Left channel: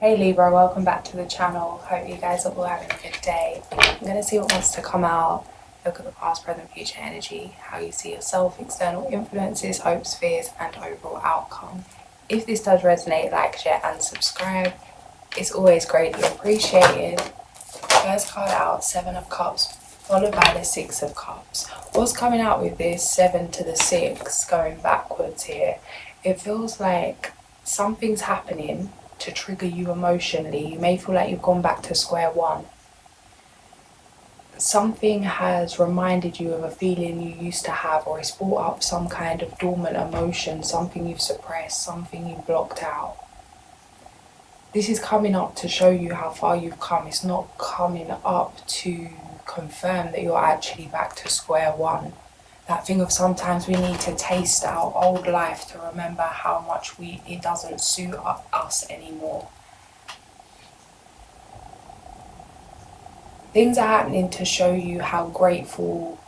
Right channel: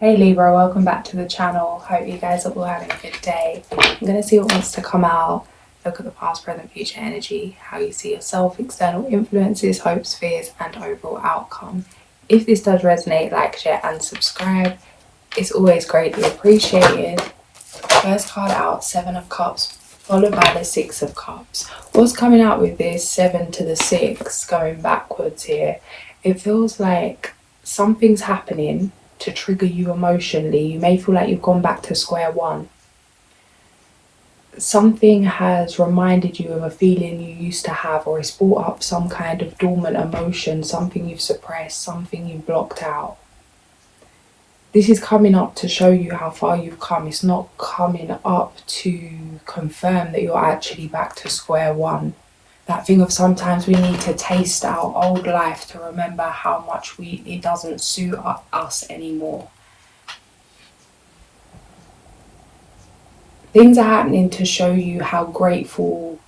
Hey Libra, welcome back to the channel. Hope you guys are all having a good day. I'm going to see what wants to come out. Look at the past, present, future energy, how you see yourself, external influences, hopes, fears, and overall outcome. If this does resonate, like, share, and subscribe. It's always greatly appreciated. First card out, Seven of Cups, followed by the Six of Cups. What's coming out with this 7 to the 6, going backwards here? It feels like something's happening to trigger you emotionally. You may feel like you've gone back to square one. Something has reminded you of a feeling you used to have, or it's brought up some kind of dormant emotion, something you've suppressed, something you've blocked out. This is coming up to show you how far you've come. It's not coming up to confirm that you're actually back to square one. That thing of sometimes we need to taste our old life to remember how much it doesn't suit us anymore. Things are happening to show you how grateful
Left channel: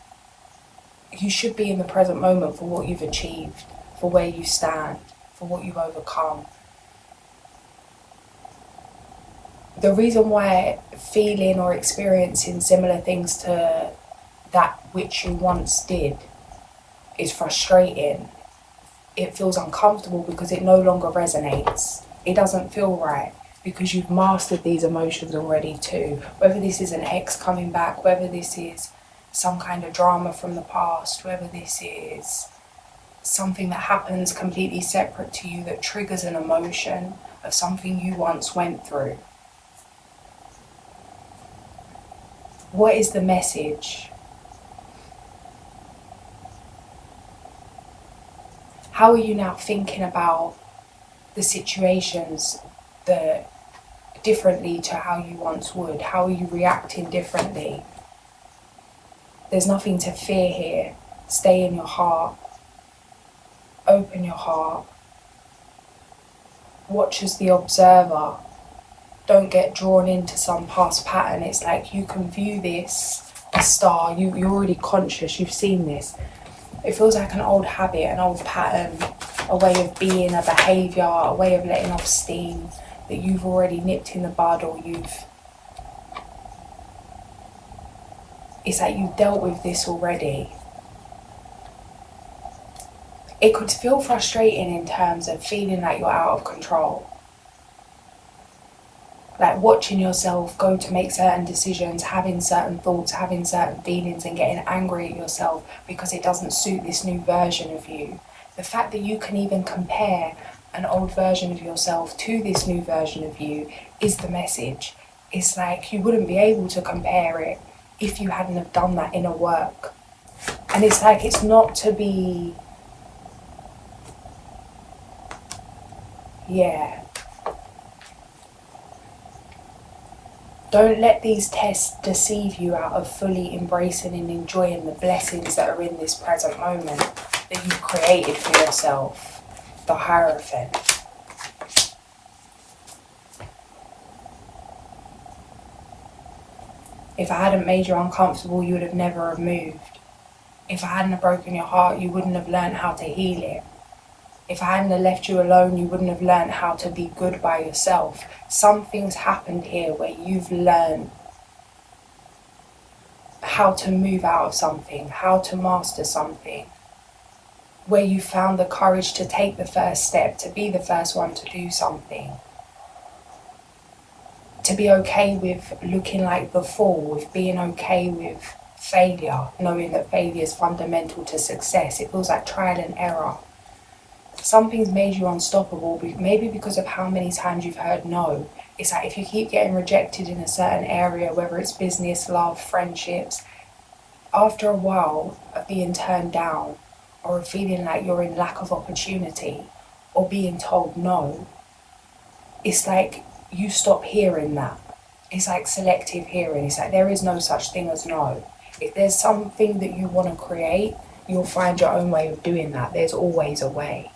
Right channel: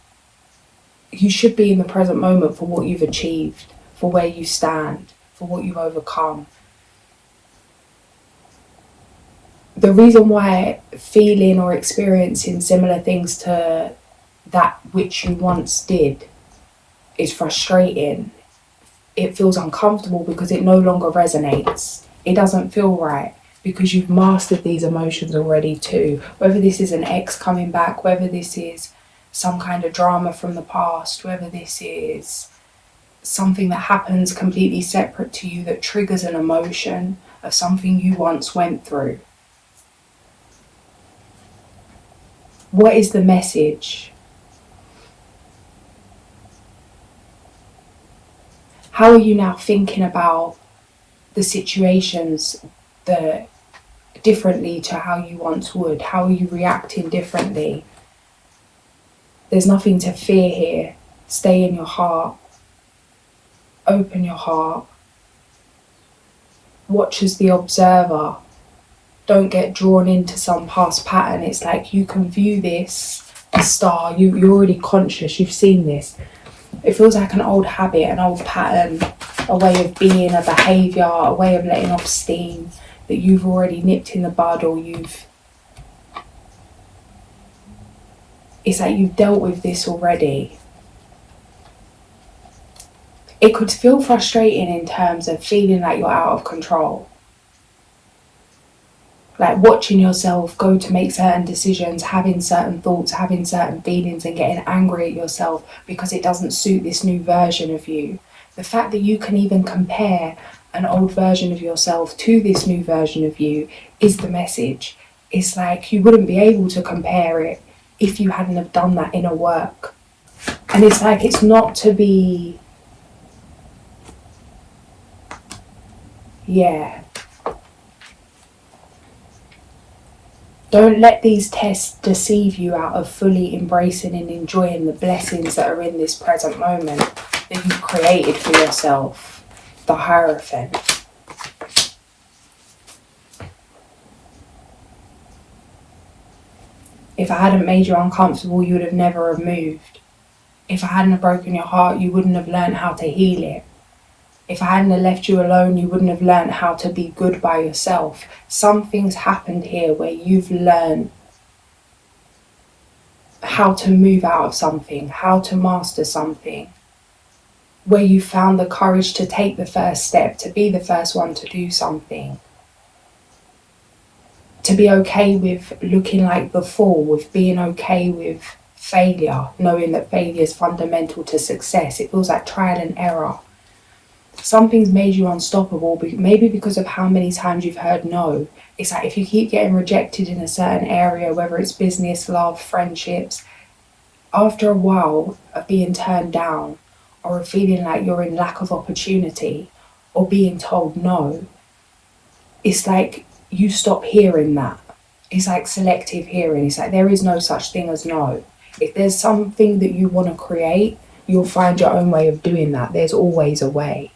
you should be in the present moment for what you've achieved, for where you stand, for what you've overcome. The reason why feeling or experiencing similar things to that which you once did is frustrating. It feels uncomfortable because it no longer resonates. It doesn't feel right because you've mastered these emotions already too. Whether this is an ex coming back, whether this is some kind of drama from the past, whether this is something that happens completely separate to you that triggers an emotion of something you once went through. What is the message? How are you now thinking about the situations differently to how you once would? How are you reacting differently? There's nothing to fear here. Stay in your heart. Open your heart. Watch as the observer. Don't get drawn into some past pattern. It's like you can view this, a star, you're already conscious, you've seen this. It feels like an old habit, an old pattern, a way of being, a behaviour, a way of letting off steam that you've already nipped in the bud, or it's like you've dealt with this already. It could feel frustrating in terms of feeling like you're out of control. Like watching yourself go to make certain decisions, having certain thoughts, having certain feelings, and getting angry at yourself because it doesn't suit this new version of you. The fact that you can even compare an old version of yourself to this new version of you is the message. It's like you wouldn't be able to compare it if you hadn't have done that inner work. And it's like it's not to be... Don't let these tests deceive you out of fully embracing and enjoying the blessings that are in this present moment that you've created for yourself. The Hierophant. If I hadn't made you uncomfortable, you would have never have moved. If I hadn't have broken your heart, you wouldn't have learned how to heal it. If I hadn't have left you alone, you wouldn't have learned how to be good by yourself. Some things happened here where you've learned how to move out of something, how to master something, where you found the courage to take the first step, to be the first one to do something, to be okay with looking like the fool, with being okay with failure, knowing that failure is fundamental to success. It feels like trial and error. Something's made you unstoppable, maybe because of how many times you've heard no. It's like if you keep getting rejected in a certain area, whether it's business, love, friendships, after a while of being turned down, or of feeling like you're in lack of opportunity, or being told no, it's like you stop hearing that. It's like selective hearing. It's like there is no such thing as no. If there's something that you want to create, you'll find your own way of doing that. There's always a way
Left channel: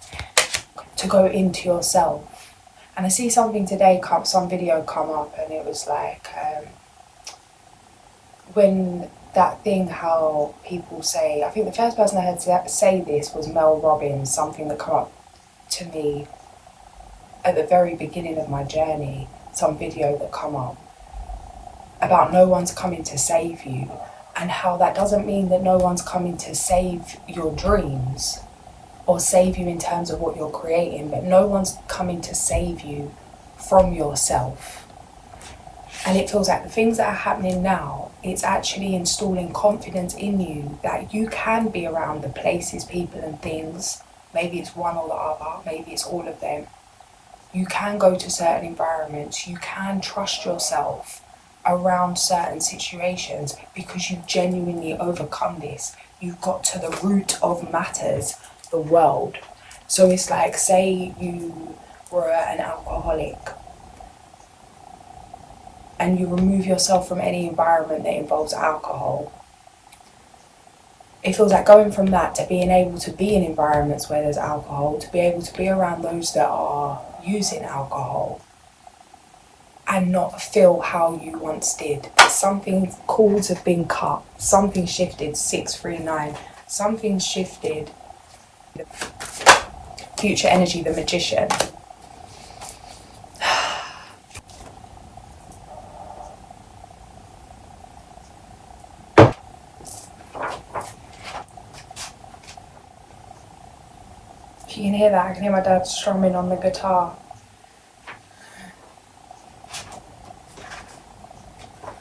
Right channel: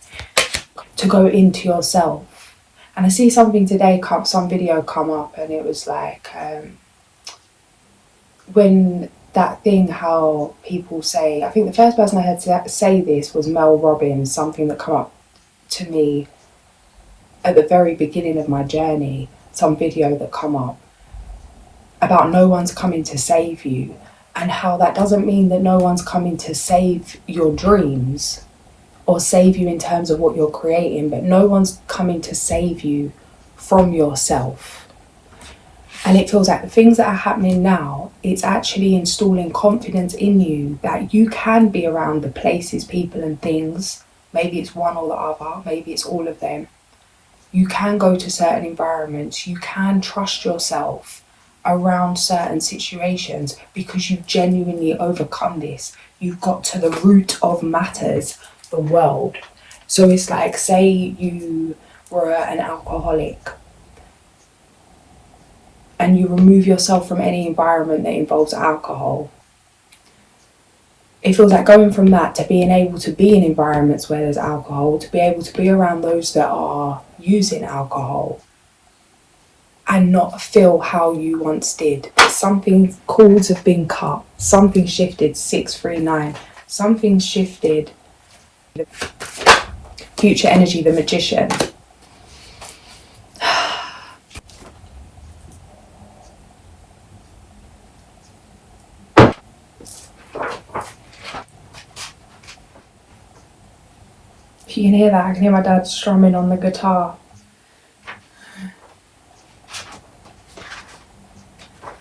to go into yourself. And I see something today, some video come up, and it was like when that thing, how people say, I think the first person I heard say this was Mel Robbins, something that come up to me at the very beginning of my journey, some video that come up about no one's coming to save you, and how that doesn't mean that no one's coming to save your dreams or save you in terms of what you're creating, but no one's coming to save you from yourself. And it feels like the things that are happening now, it's actually installing confidence in you that you can be around the places, people and things. Maybe it's one or the other, maybe it's all of them. You can go to certain environments, you can trust yourself around certain situations because you've genuinely overcome this. You've got to the root of matters, the world. So it's like, say you were an alcoholic and you remove yourself from any environment that involves alcohol. It feels like going from that to being able to be in environments where there's alcohol, to be able to be around those that are using alcohol and not feel how you once did. Something, cords have been cut, something shifted, 639, something shifted. Future energy, the Magician. If you can hear that, I can hear my dad strumming on the guitar.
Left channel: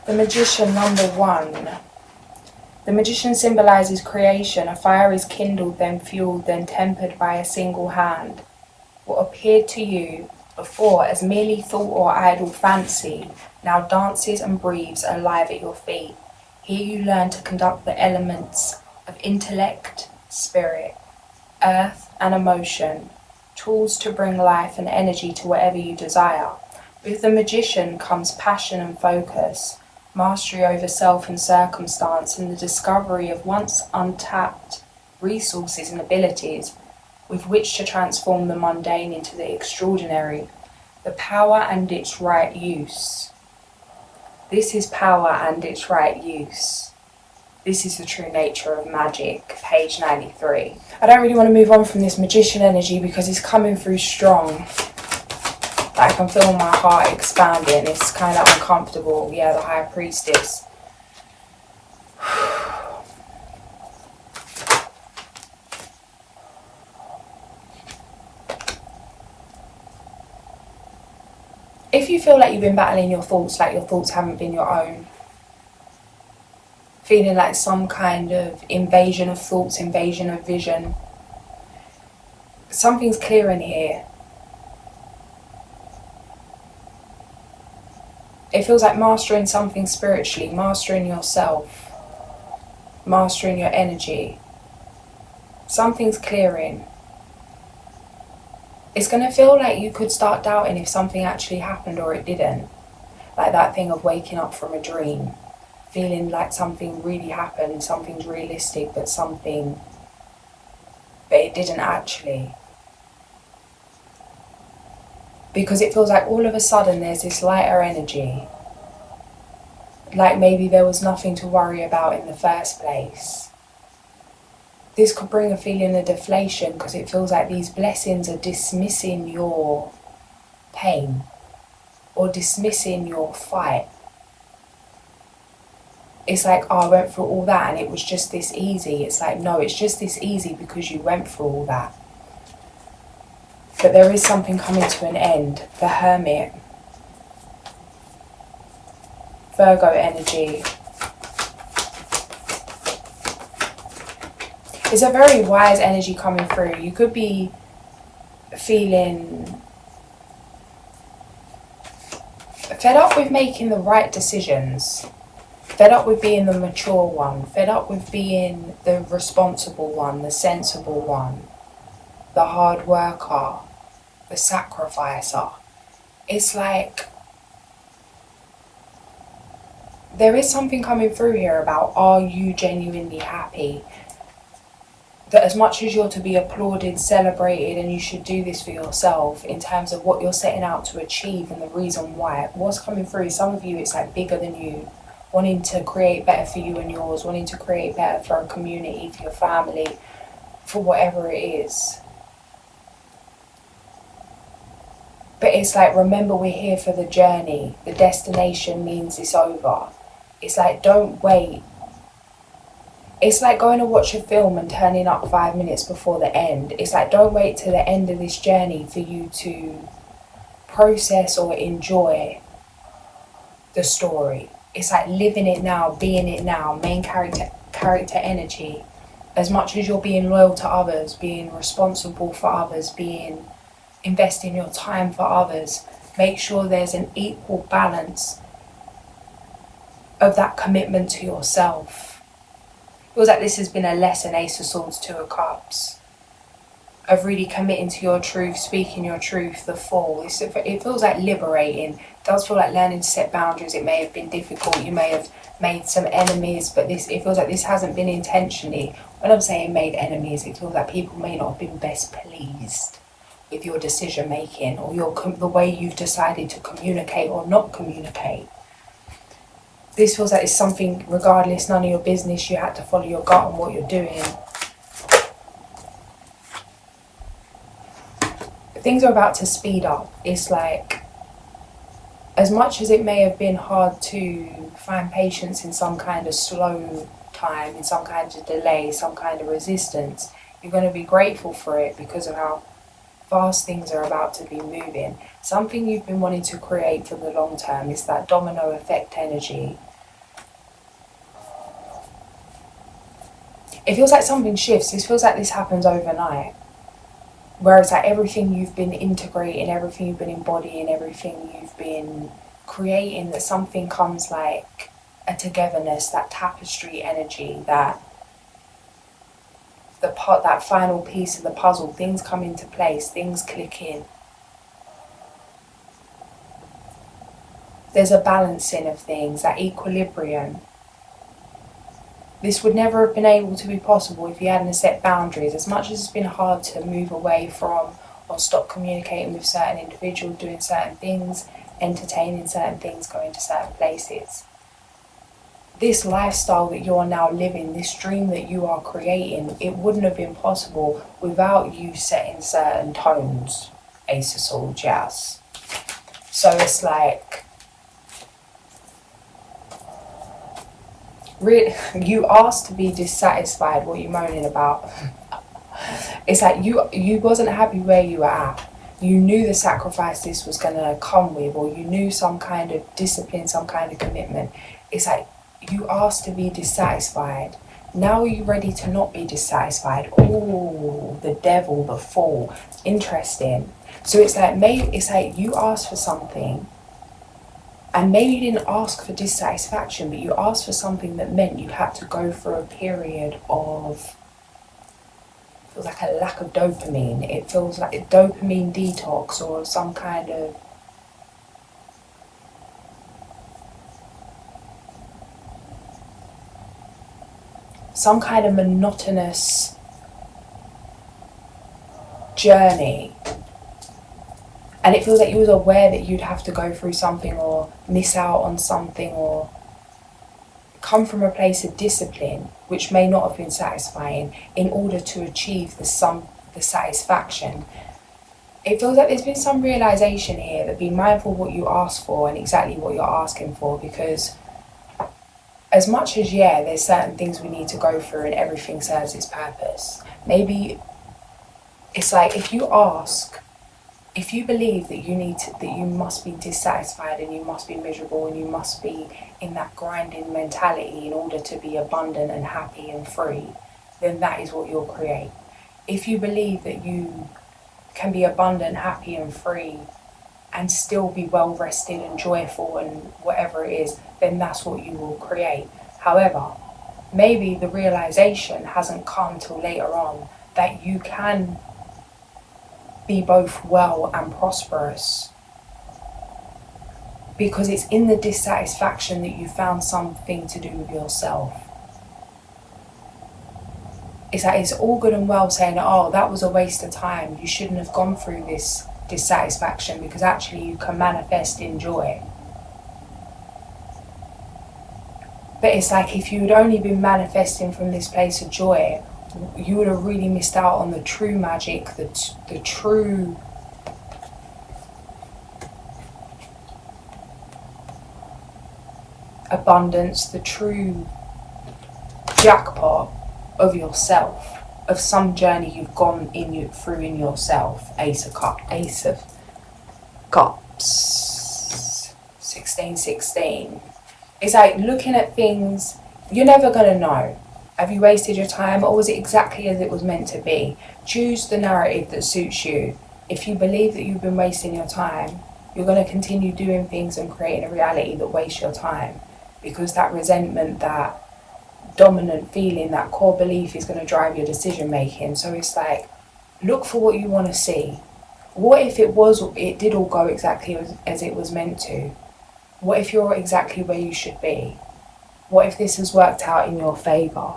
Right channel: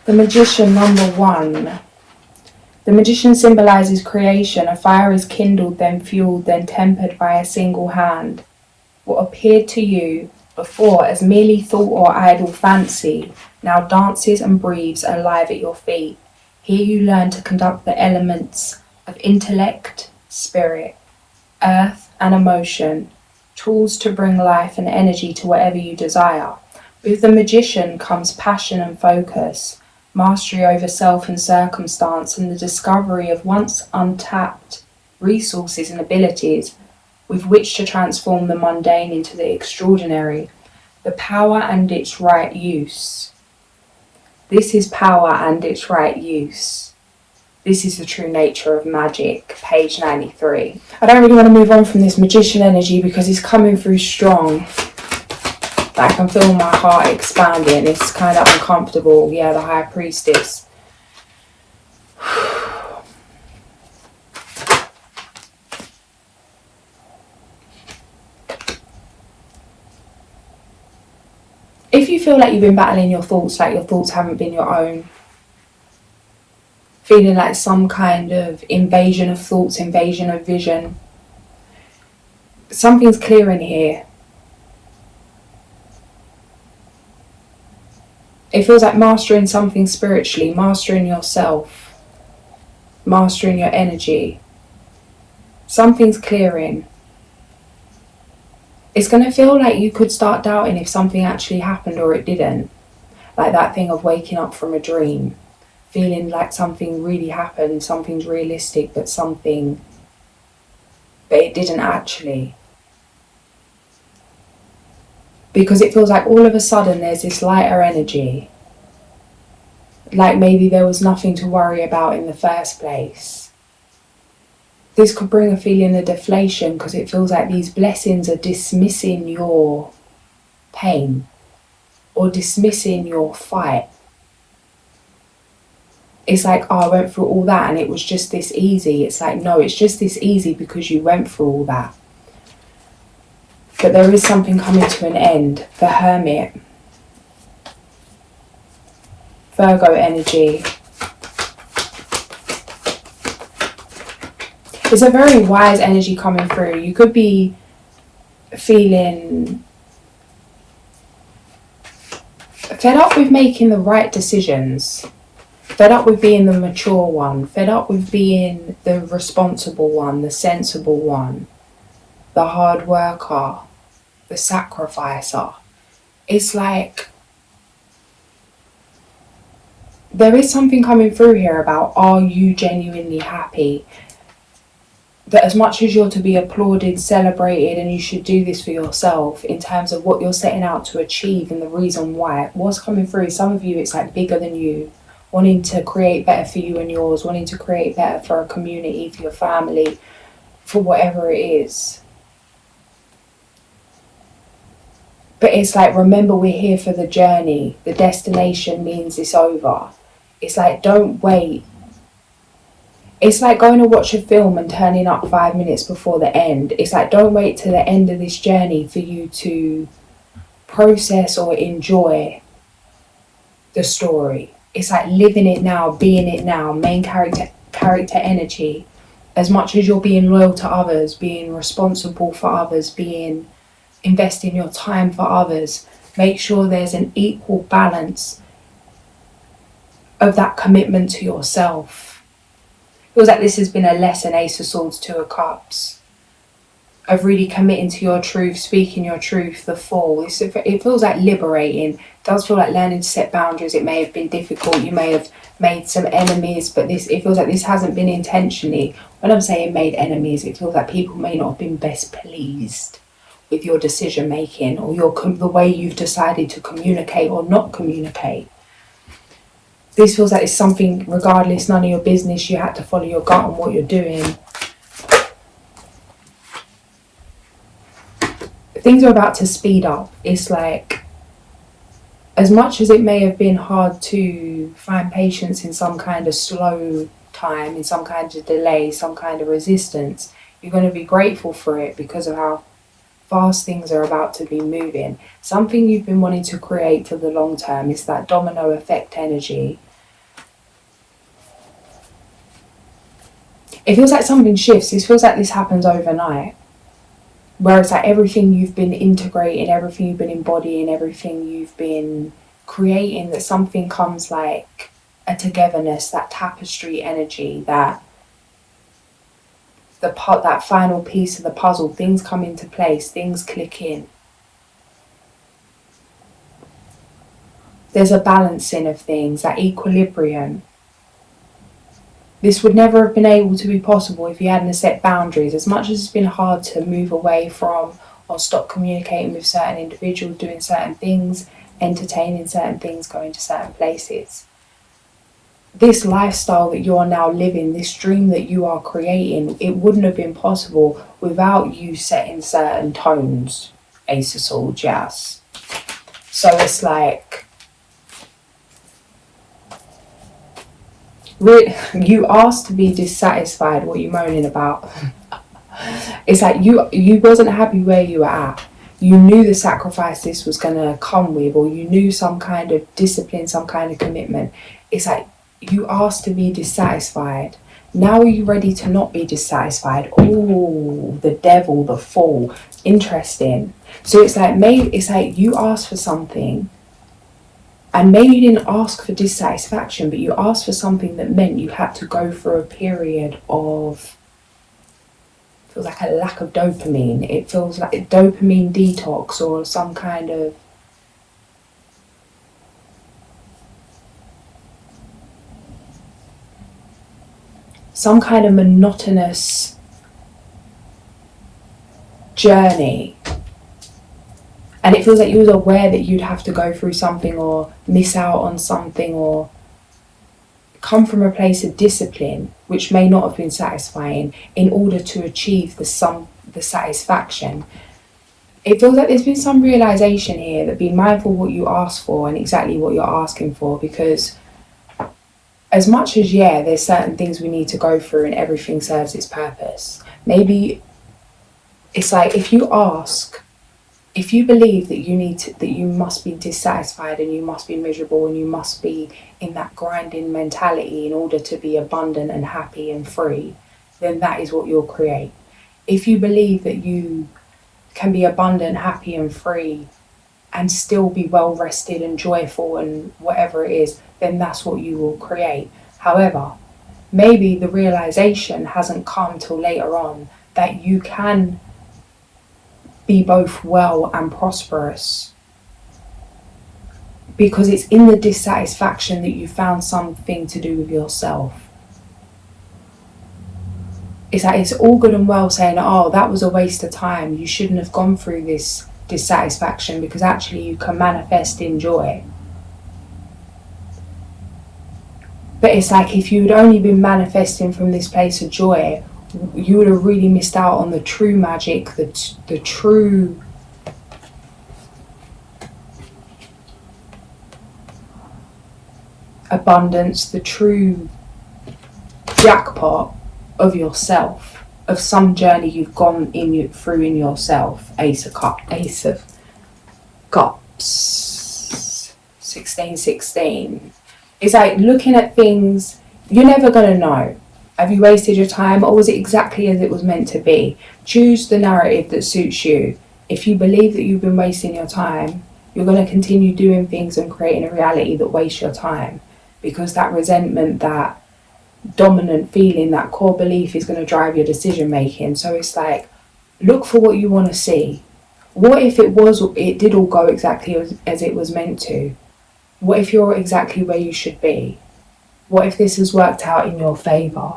The Magician, number 1. The Magician symbolizes creation. A fire is kindled, then fueled, then tempered by a single hand. What appeared to you before as merely thought or idle fancy now dances and breathes alive at your feet. Here you learn to conduct the elements of intellect, spirit, earth and emotion, tools to bring life and energy to whatever you desire. With the Magician comes passion and focus, mastery over self and circumstance, and the discovery of once untapped resources and abilities with which to transform the mundane into the extraordinary. The power and its right use. This is power and its right use. This is the true nature of magic, page 93. I don't really want to move on from this Magician energy because it's coming through strong. I can feel my heart expanding. It's kind of uncomfortable. Yeah, the High Priestess. If you feel like you've been battling your thoughts, like your thoughts haven't been your own, feeling like some kind of invasion of thoughts, invasion of vision, something's clearing here. It feels like mastering something spiritually, mastering yourself, mastering your energy. Something's clearing. It's going to feel like you could start doubting if something actually happened or it didn't. Like that thing of waking up from a dream, feeling like something really happened, something's realistic, but it didn't actually. Because it feels like all of a sudden there's this lighter energy. Like maybe there was nothing to worry about in the first place. This could bring a feeling of deflation because it feels like these blessings are dismissing your pain or dismissing your fight. It's like, oh, I went through all that and it was just this easy. It's like, no, it's just this easy because you went through all that. But there is something coming to an end. The Hermit. Virgo energy. It's a very wise energy coming through. You could be feeling fed up with making the right decisions. Fed up with being the mature one. Fed up with being the responsible one, the sensible one, the hard worker, the sacrificer. It's like there is something coming through here about, are you genuinely happy? That as much as you're to be applauded, celebrated, and you should do this for yourself in terms of what you're setting out to achieve and the reason why, what's coming through, some of you, it's like bigger than you, wanting to create better for you and yours, wanting to create better for a community, for your family, for whatever it is. But it's like, remember, we're here for the journey. The destination means it's over. It's like, don't wait. It's like going to watch a film and turning up 5 minutes before the end. It's like, don't wait till the end of this journey for you to process or enjoy the story. It's like living it now, being it now, main character energy. As much as you're being loyal to others, being responsible for others, investing your time for others, make sure there's an equal balance of that commitment to yourself. It feels like this has been a lesson, Ace of Swords, Two of Cups, of really committing to your truth, speaking your truth, the Fool. It feels like liberating. It does feel like learning to set boundaries. It may have been difficult. You may have made some enemies, but it feels like this hasn't been intentionally. When I'm saying made enemies, it feels like people may not have been best pleased with your decision making, or the way you've decided to communicate or not communicate. This feels like it's something, regardless, none of your business. You had to follow your gut on what you're doing. Things are about to speed up. It's like, as much as it may have been hard to find patience in some kind of slow time, in some kind of delay, some kind of resistance, you're going to be grateful for it because of how fast things are about to be moving. Something you've been wanting to create for the long term. It's that domino effect energy. It feels like something shifts. This feels like this happens overnight. Where it's like everything you've been integrating, everything you've been embodying, everything you've been creating, that something comes like a togetherness, that tapestry energy, that final piece of the puzzle, things come into place, things click in. There's a balancing of things, that equilibrium. This would never have been able to be possible if you hadn't set boundaries. As much as it's been hard to move away from or stop communicating with certain individuals, doing certain things, entertaining certain things, going to certain places. This lifestyle that you're now living, this dream that you are creating, it wouldn't have been possible without you setting certain tones, Ace of Swords, yes. So it's like, you asked to be dissatisfied. What are you moaning about? It's like you wasn't happy where you were at. You knew the sacrifice this was going to come with, or you knew some kind of discipline, some kind of commitment. It's like you asked to be dissatisfied. Now are you ready to not be dissatisfied? Oh, the devil, the Fool. Interesting. So it's like you asked for something. And maybe you didn't ask for dissatisfaction, but you asked for something that meant you had to go through a period of, feels like a lack of dopamine. It feels like a dopamine detox, or some kind of monotonous journey. And it feels like you was aware that you'd have to go through something, or miss out on something, or come from a place of discipline, which may not have been satisfying, in order to achieve the satisfaction. It feels like there's been some realization here that be mindful what you ask for and exactly what you're asking for, because as much as, there's certain things we need to go through and everything serves its purpose. Maybe it's like, if you believe that you must be dissatisfied and you must be miserable and you must be in that grinding mentality in order to be abundant and happy and free, then that is what you'll create. If you believe that you can be abundant, happy and free and still be well rested and joyful and whatever it is, then that's what you will create. However, maybe the realization hasn't come till later on that you can be both well and prosperous, because it's in the dissatisfaction that you found something to do with yourself. It's like, it's all good and well saying, oh, that was a waste of time, you shouldn't have gone through this dissatisfaction, because actually you can manifest in joy. But it's like, if you had only been manifesting from this place of joy, you would have really missed out on the true magic, the true abundance, the true jackpot of yourself, of some journey you've gone through in yourself. Ace of Cups, 1616. It's like looking at things, you're never going to know. Have you wasted your time, or was it exactly as it was meant to be? Choose the narrative that suits you. If you believe that you've been wasting your time, you're going to continue doing things and creating a reality that wastes your time, because that resentment, that dominant feeling, that core belief is going to drive your decision making. So it's like, look for what you want to see. What if it did all go exactly as it was meant to? What if you're exactly where you should be? What if this has worked out in your favour?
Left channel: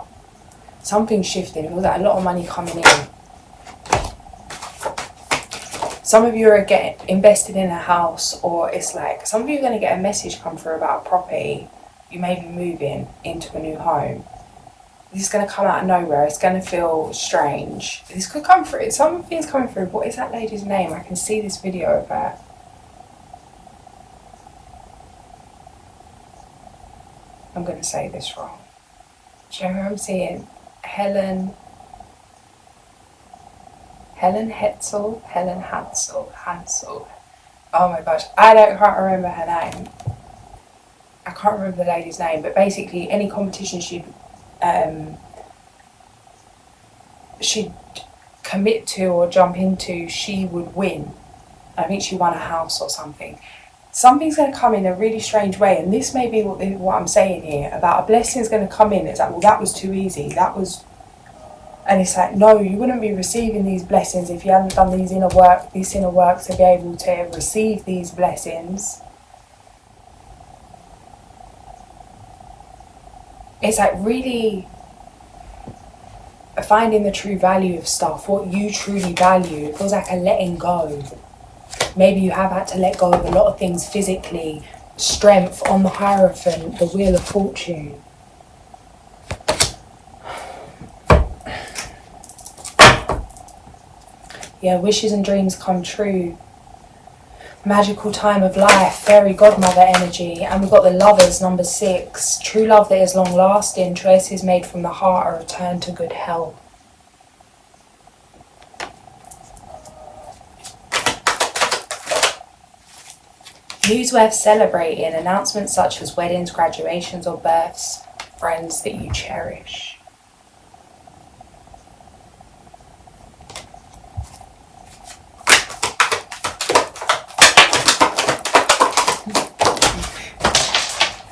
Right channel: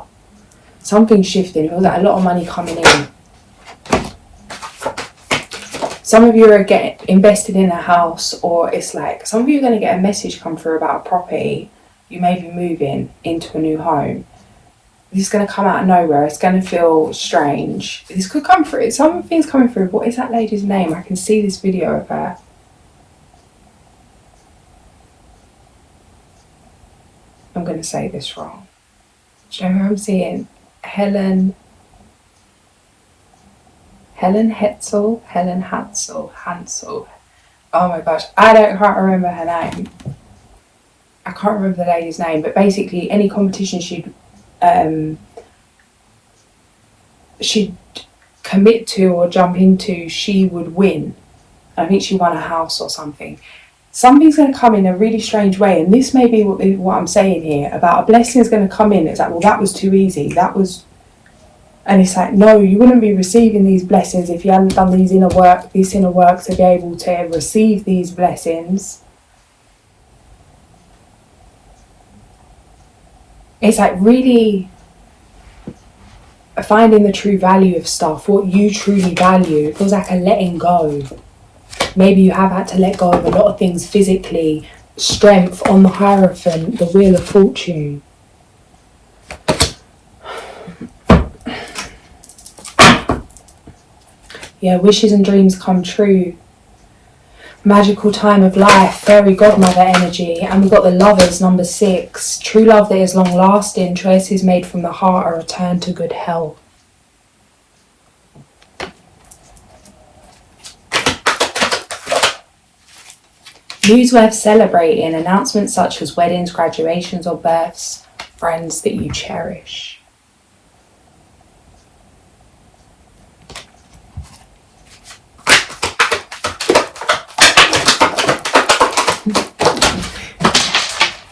Something's shifting. It feels like a lot of money coming in. Some of you are getting invested in a house, or it's like some of you are going to get a message come through about a property. You may be moving into a new home. This is going to come out of nowhere. It's going to feel strange. This could come through. Some things coming through. What is that lady's name? I can see this video of her. I'm going to say this wrong. Do you know who I'm seeing? Helen Hansel. Oh my gosh, I can't remember her name. I can't remember the lady's name, but basically any competition she'd commit to or jump into, she would win. I think she won a house or something. Something's going to come in a really strange way, and this may be what I'm saying here about a blessing is going to come in. It's like, well, that was too easy. And it's like, no, you wouldn't be receiving these blessings if you hadn't done this inner work to be able to receive these blessings. It's like really finding the true value of stuff, what you truly value. It feels like a letting go. Maybe you have had to let go of a lot of things physically. Strength on the Hierophant, the Wheel of Fortune. Yeah, wishes and dreams come true. Magical time of life, fairy godmother energy. And we've got the Lovers, number 6. True love that is long lasting. Choices made from the heart, a return to good health. News worth celebrating. Announcements such as weddings, graduations or births. Friends that you cherish.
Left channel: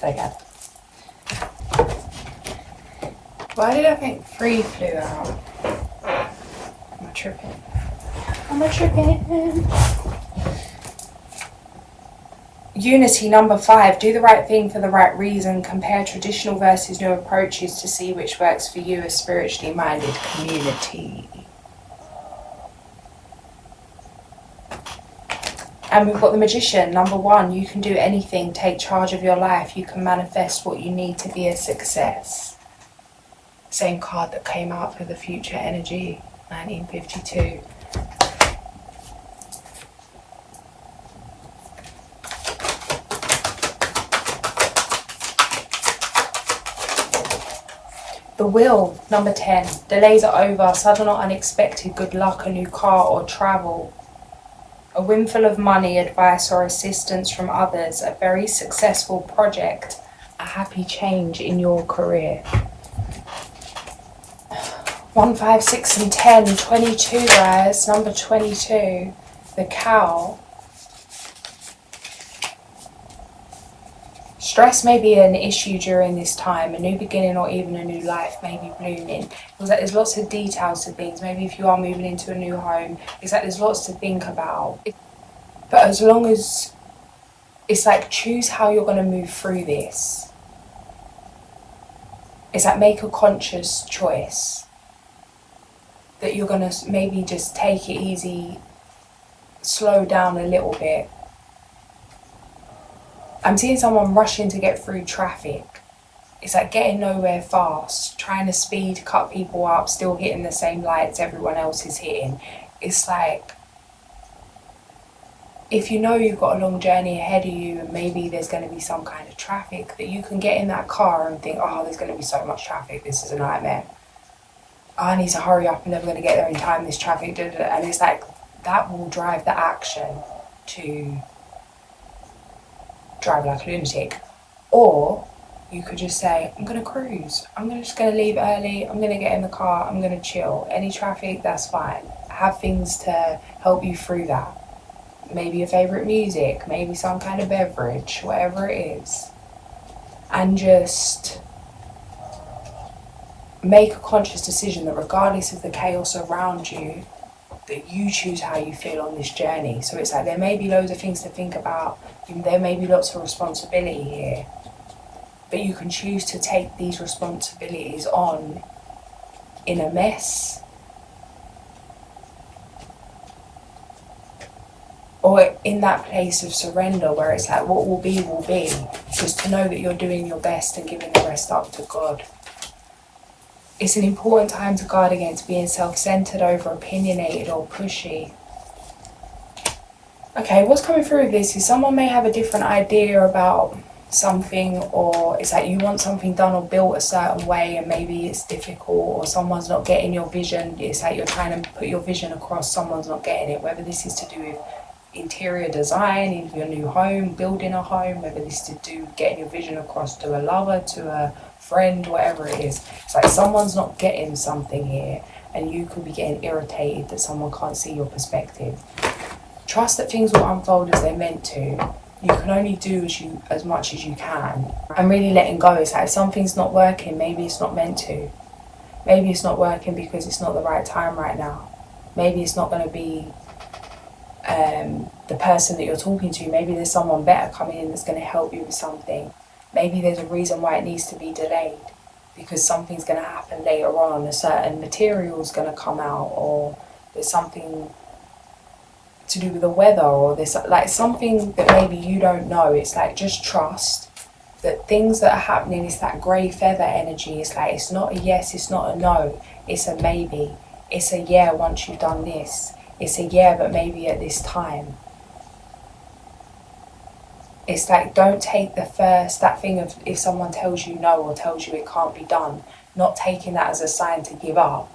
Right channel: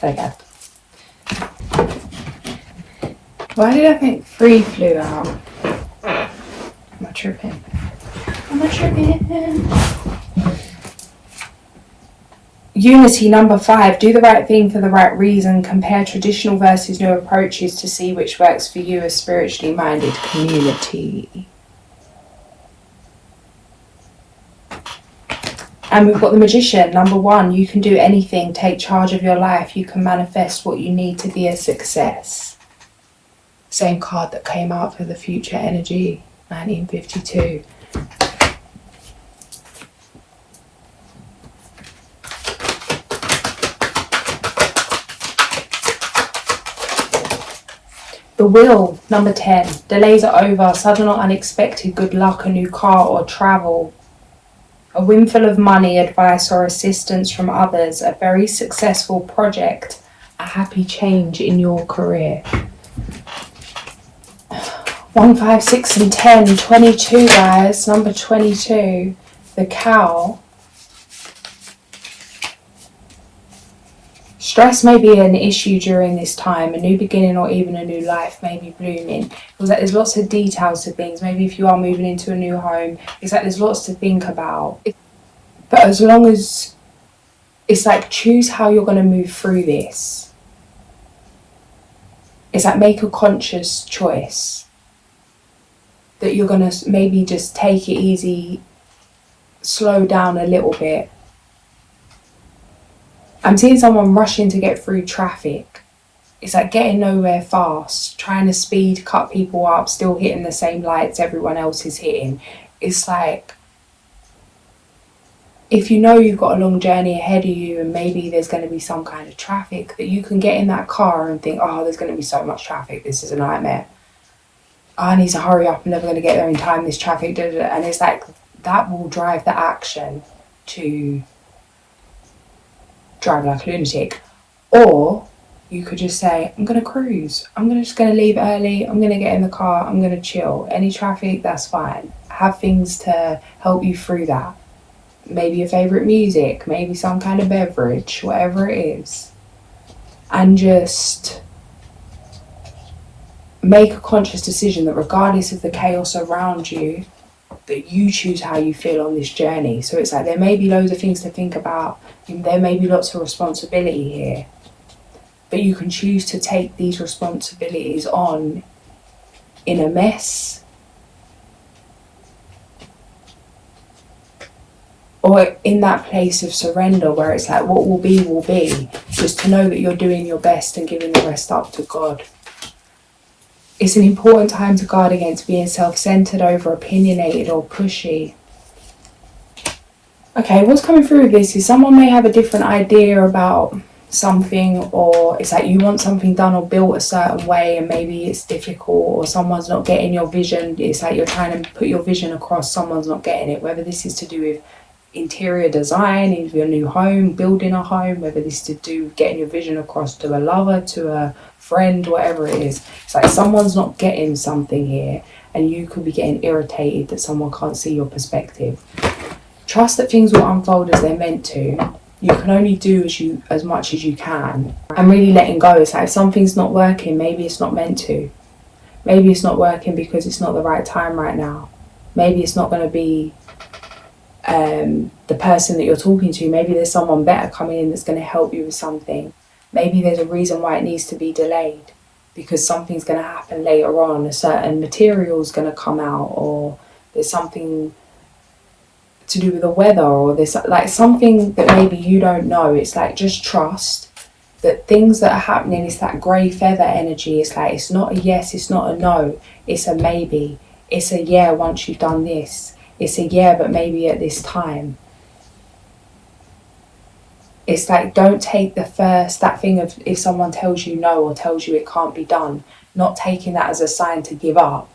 Okay. Why did I think 3 flew out? Am I tripping? Unity, number 5. Do the right thing for the right reason. Compare traditional versus new approaches to see which works for you, a spiritually minded community. And we've got the Magician, number 1. You can do anything. Take charge of your life. You can manifest what you need to be a success. Same card that came out for the future energy, 1952. The Wheel, number 10. Delays are over. Sudden or unexpected good luck, a new car or travel. A windfall of money, advice or assistance from others, a very successful project, a happy change in your career. 1, 5, 6 and 10, 22 guys, number 22, the Cow. Stress may be an issue during this time. A new beginning or even a new life may be blooming. It's like there's lots of details to things. Maybe if you are moving into a new home, it's like there's lots to think about. But as long as it's like, choose how you're going to move through this. It's like, make a conscious choice that you're going to maybe just take it easy, slow down a little bit. I'm seeing someone rushing to get through traffic. It's like getting nowhere fast, trying to speed, cut people up, still hitting the same lights everyone else is hitting. It's like, if you know you've got a long journey ahead of you and maybe there's going to be some kind of traffic, that you can get in that car and think, oh, there's going to be so much traffic, this is a nightmare. I need to hurry up, I'm never going to get there in time, this traffic, da, da, da. And it's like, that will drive the action to drive like a lunatic. Or you could just say, I'm going to cruise, just going to leave early, I'm going to get in the car, I'm going to chill. Any traffic, that's fine. Have things to help you through that. Maybe your favourite music, maybe some kind of beverage, whatever it is. And just make a conscious decision that regardless of the chaos around you, that you choose how you feel on this journey. So it's like, there may be loads of things to think about, there may be lots of responsibility here, but you can choose to take these responsibilities on in a mess, or in that place of surrender where it's like, what will be, will be. Just to know that you're doing your best and giving the rest up to God. It's an important time to guard against being self-centered, over-opinionated or pushy. Okay, what's coming through with this is someone may have a different idea about something, or it's like you want something done or built a certain way and maybe it's difficult, or someone's not getting your vision. It's like you're trying to put your vision across, someone's not getting it, whether this is to do with interior design in your new home, building a home, whether this is to do with getting your vision across to a lover, to a friend, whatever it is. It's like someone's not getting something here and you could be getting irritated that someone can't see your perspective. Trust that things will unfold as they're meant to. You can only do as much as you can, and really letting go. It's like if something's not working, maybe it's not meant to. Maybe it's not working because it's not the right time right now. Maybe it's not going to be the person that you're talking to. Maybe there's someone better coming in that's going to help you with something. Maybe there's a reason why it needs to be delayed, because something's going to happen later on, a certain material's going to come out, or there's something to do with the weather, or there's like something that maybe you don't know. It's like, just trust that things that are happening, it's that grey feather energy. It's like, it's not a yes, it's not a no, it's a maybe. It's a yeah once you've done this. It's a yeah, but maybe at this time. It's like, don't take that thing of if someone tells you no or tells you it can't be done, not taking that as a sign to give up,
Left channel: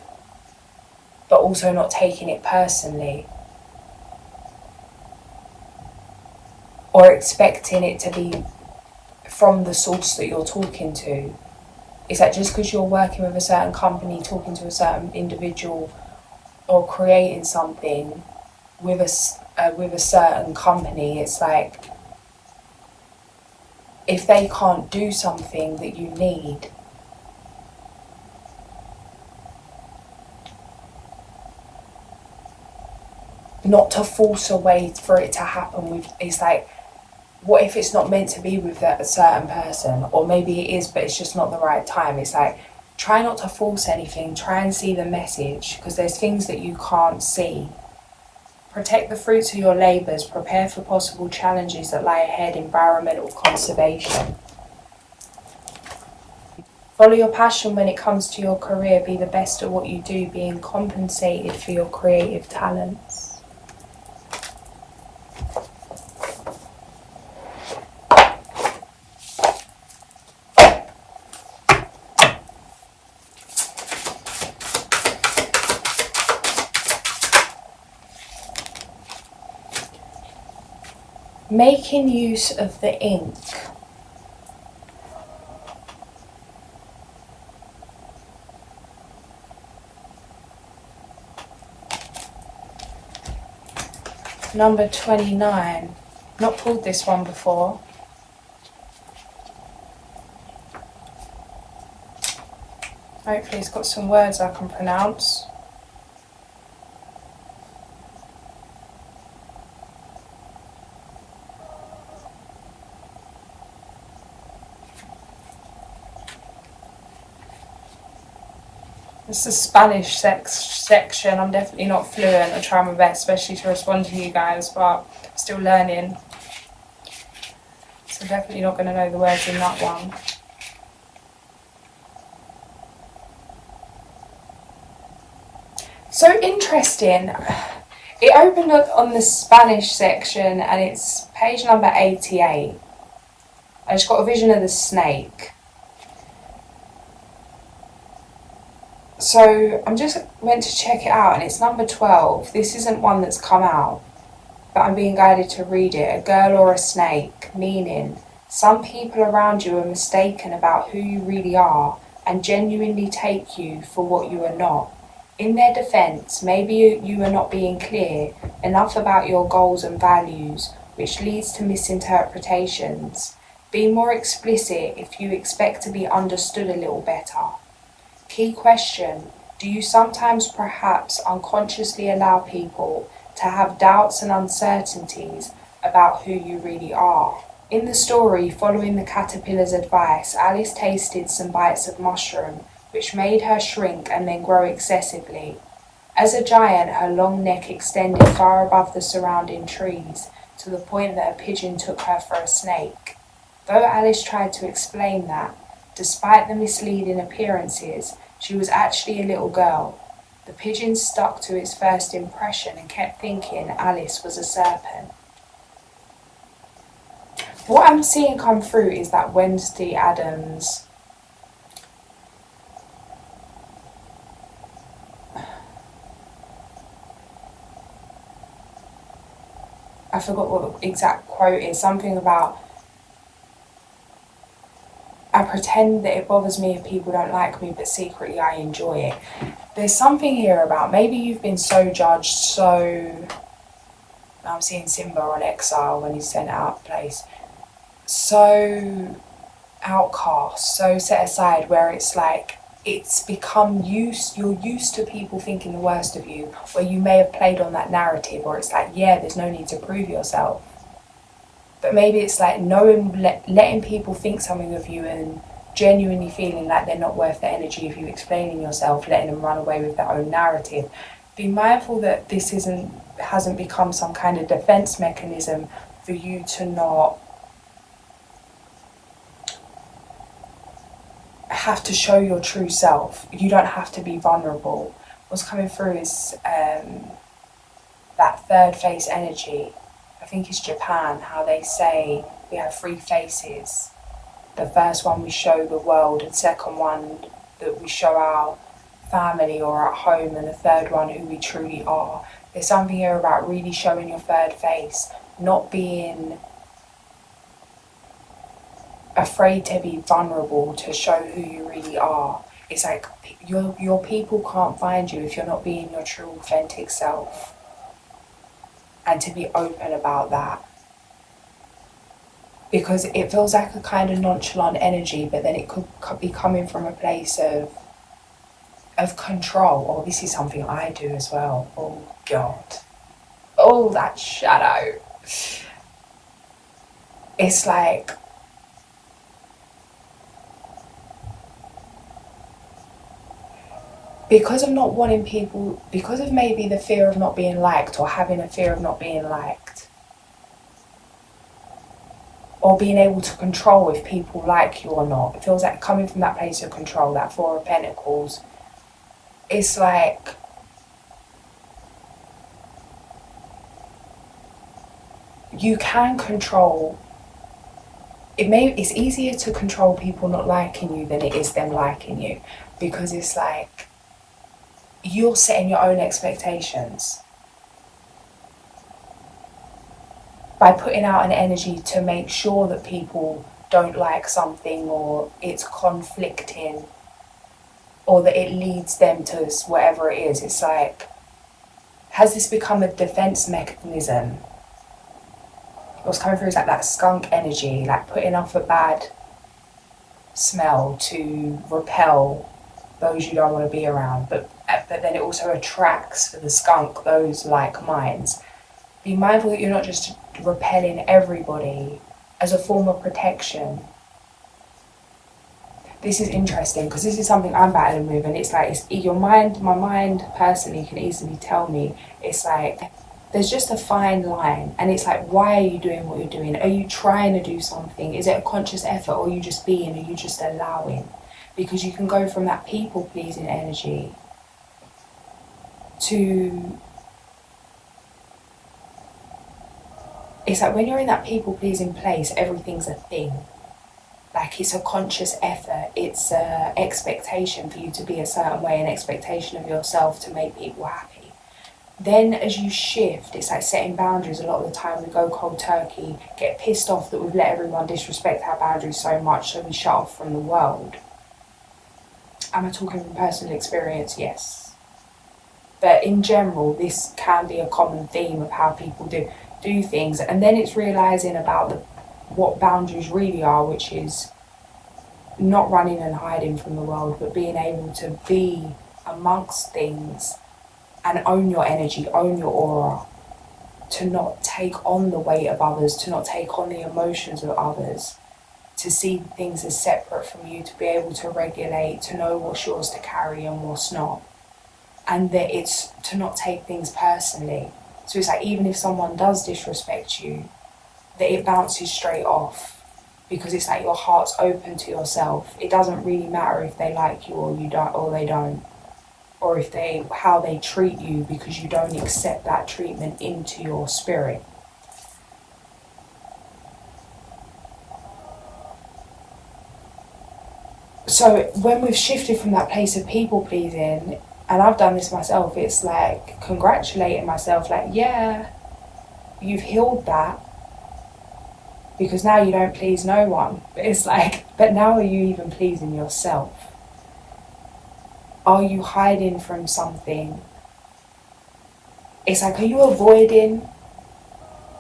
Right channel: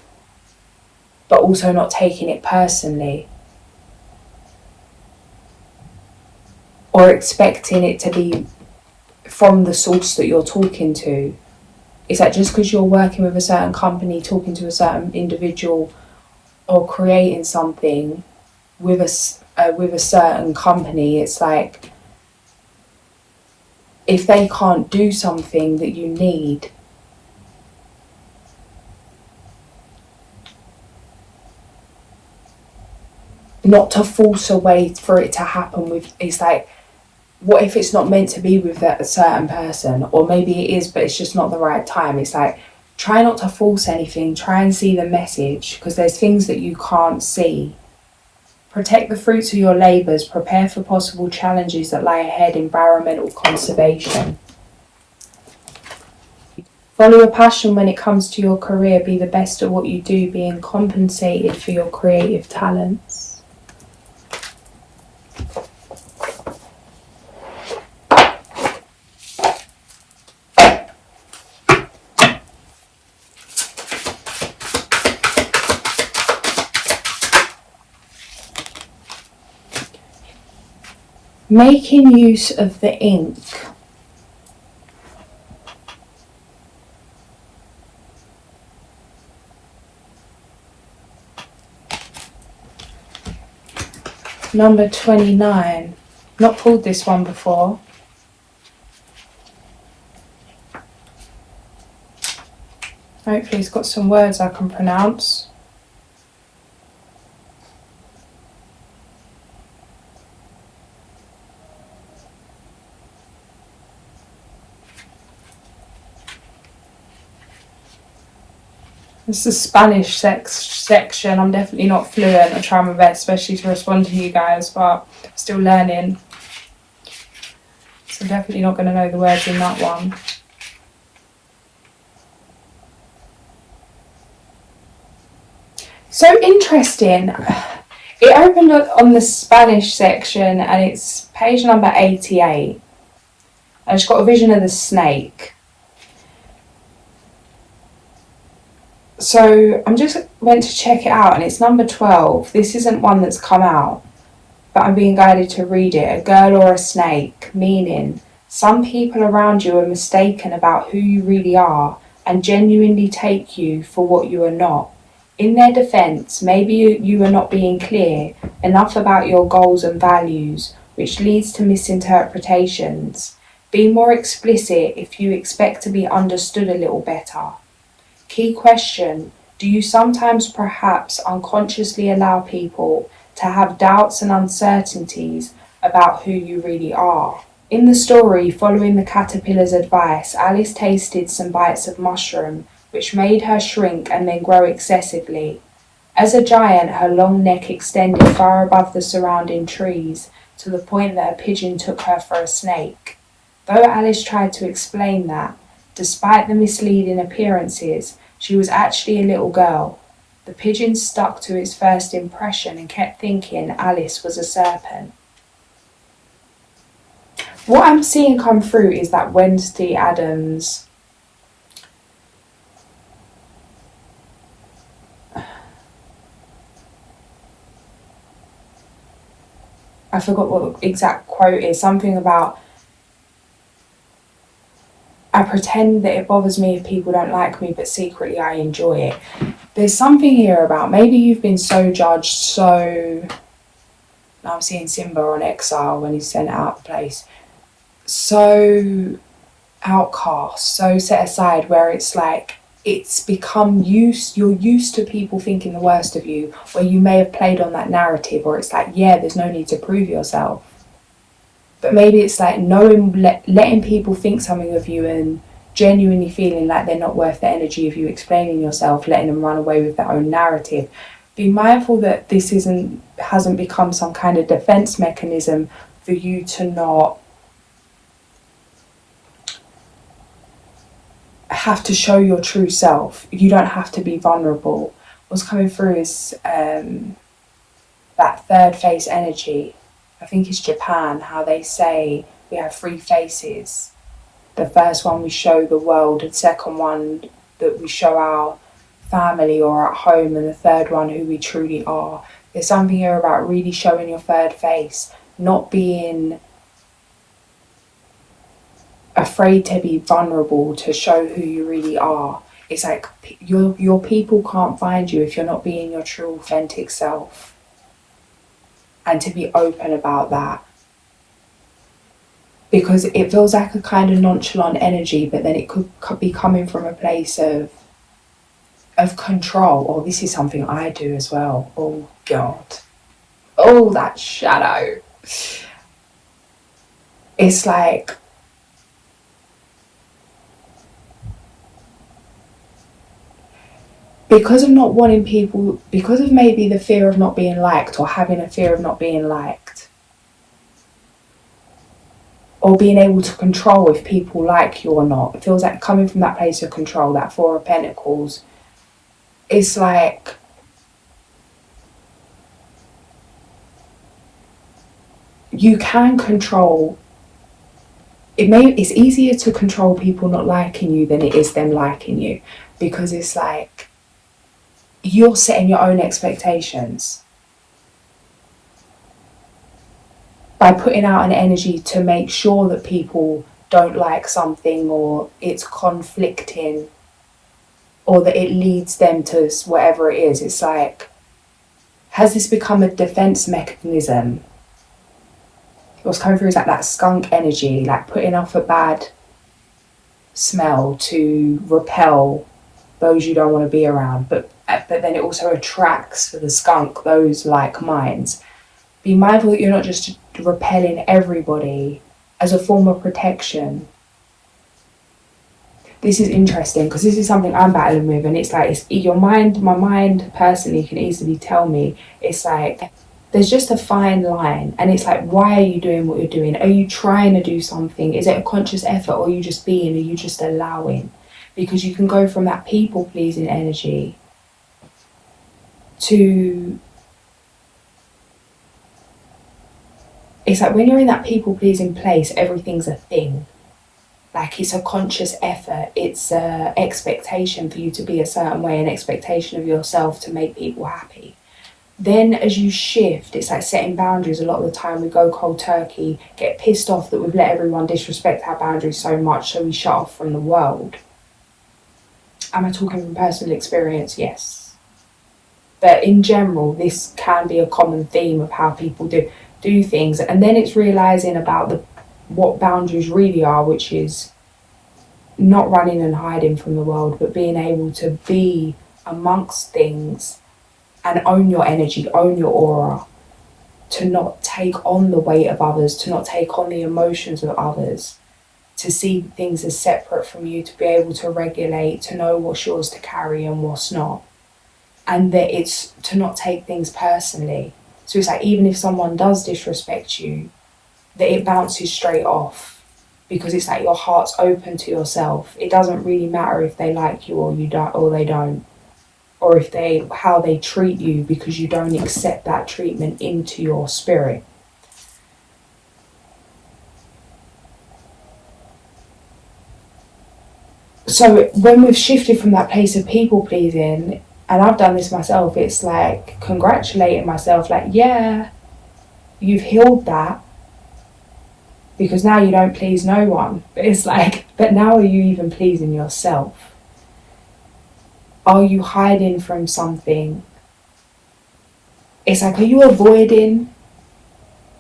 but also not taking it personally or expecting it to be from the source that you're talking to. It's like, just because you're working with a certain company, talking to a certain individual, or creating something with a certain company, it's like, if they can't do something that you need, not to force a way for it to happen with. It's like, what if it's not meant to be with that certain person, or maybe it is but it's just not the right time. It's like, try not to force anything, try and see the message, because there's things that you can't see. Protect the fruits of your labours, prepare for possible challenges that lie ahead, environmental conservation. Follow your passion when it comes to your career, be the best at what you do, being compensated for your creative talents. Making use of the ink. Number 29. Not pulled this one before. Hopefully it's got some words I can pronounce. This is Spanish section. I'm definitely not fluent. I try my best, especially to respond to you guys, but still learning. So definitely not going to know the words in that one. So interesting. It opened up on the Spanish section and it's page number 88. I just got a vision of the snake. So I'm just went to check it out and it's number 12. This isn't one that's come out, but I'm being guided to read it. A girl or a snake, meaning some people around you are mistaken about who you really are and genuinely take you for what you are not. In their defense, maybe you are not being clear enough about your goals and values, which leads to misinterpretations. Be more explicit if you expect to be understood a little better. Key question: do you sometimes perhaps unconsciously allow people to have doubts and uncertainties about who you really are? In the story, following the caterpillar's advice, Alice tasted some bites of mushroom, which made her shrink and then grow excessively. As a giant, her long neck extended far above the surrounding trees, to the point that a pigeon took her for a snake. Though Alice tried to explain that, despite the misleading appearances, she was actually a little girl. The pigeon stuck to its first impression and kept thinking Alice was a serpent. What I'm seeing come through is that Wednesday Addams I forgot what the exact quote is, something about I pretend that it bothers me if people don't like me, but secretly I enjoy it. There's something here about maybe you've been so judged, so I'm seeing Simba on exile when he's sent out of place, so outcast, so set aside, where it's like it's become you're used to people thinking the worst of you, where you may have played on that narrative, or it's like, yeah, there's no need to prove yourself. But maybe it's like letting people think something of you and genuinely feeling like they're not worth the energy of you explaining yourself, letting them run away with their own narrative. Be mindful that this hasn't become some kind of defense mechanism for you to not have to show your true self. You don't have to be vulnerable. What's coming through is that third face energy. I think it's Japan, how they say we have 3 faces. The first one we show the world, the second one that we show our family or at home, and the third one who we truly are. There's something here about really showing your third face, not being afraid to be vulnerable, to show who you really are. It's like your people can't find you if you're not being your true authentic self. And to be open about that, because it feels like a kind of nonchalant energy, but then it could be coming from a place of control. Oh, this is something I do as well. Oh God, oh, that shadow. It's like because of not wanting people, because of maybe the fear of not being liked, or having a fear of not being liked, or being able to control if people like you or not. It feels like coming from that place of control, that 4 of Pentacles. It's like you can control. It's easier to control people not liking you than it is them liking you, because it's like you're setting your own expectations by putting out an energy to make sure that people don't like something, or it's conflicting, or that it leads them to whatever it is. It's like, has this become a defense mechanism? What's coming through is like that skunk energy, like putting off a bad smell to repel those you don't want to be around, but then it also attracts for the skunk those like minds. Be mindful that you're not just repelling everybody as a form of protection. This is interesting because this is something I'm battling with, and it's like my mind personally can easily tell me, it's like there's just a fine line, and it's like, why are you doing what you're doing? Are you trying to do something? Is it a conscious effort, or are you just being? Are you just allowing? Because you can go from that people pleasing energy to it's like when you're in that people-pleasing place, everything's a thing. Like it's a conscious effort, it's an expectation for you to be a certain way, an expectation of yourself to make people happy. Then as you shift, it's like setting boundaries. A lot of the time we go cold turkey, get pissed off that we've let everyone disrespect our boundaries so much, so we shut off from the world. Am I talking from personal experience? Yes. But in general, this can be a common theme of how people do things. And then it's realising about what boundaries really are, which is not running and hiding from the world, but being able to be amongst things and own your energy, own your aura, to not take on the weight of others, to not take on the emotions of others, to see things as separate from you, to be able to regulate, to know what's yours to carry and what's not. And that it's to not take things personally. So it's like even if someone does disrespect you, that it bounces straight off, because it's like your heart's open to yourself. It doesn't really matter if they like you or you don't, or they don't, or if how they treat you, because you don't accept that treatment into your spirit. So when we've shifted from that place of people pleasing, and I've done this myself, it's like congratulating myself, like, yeah, you've healed that, because now you don't please no one. It's like, but now are you even pleasing yourself? Are you hiding from something? It's like, are you avoiding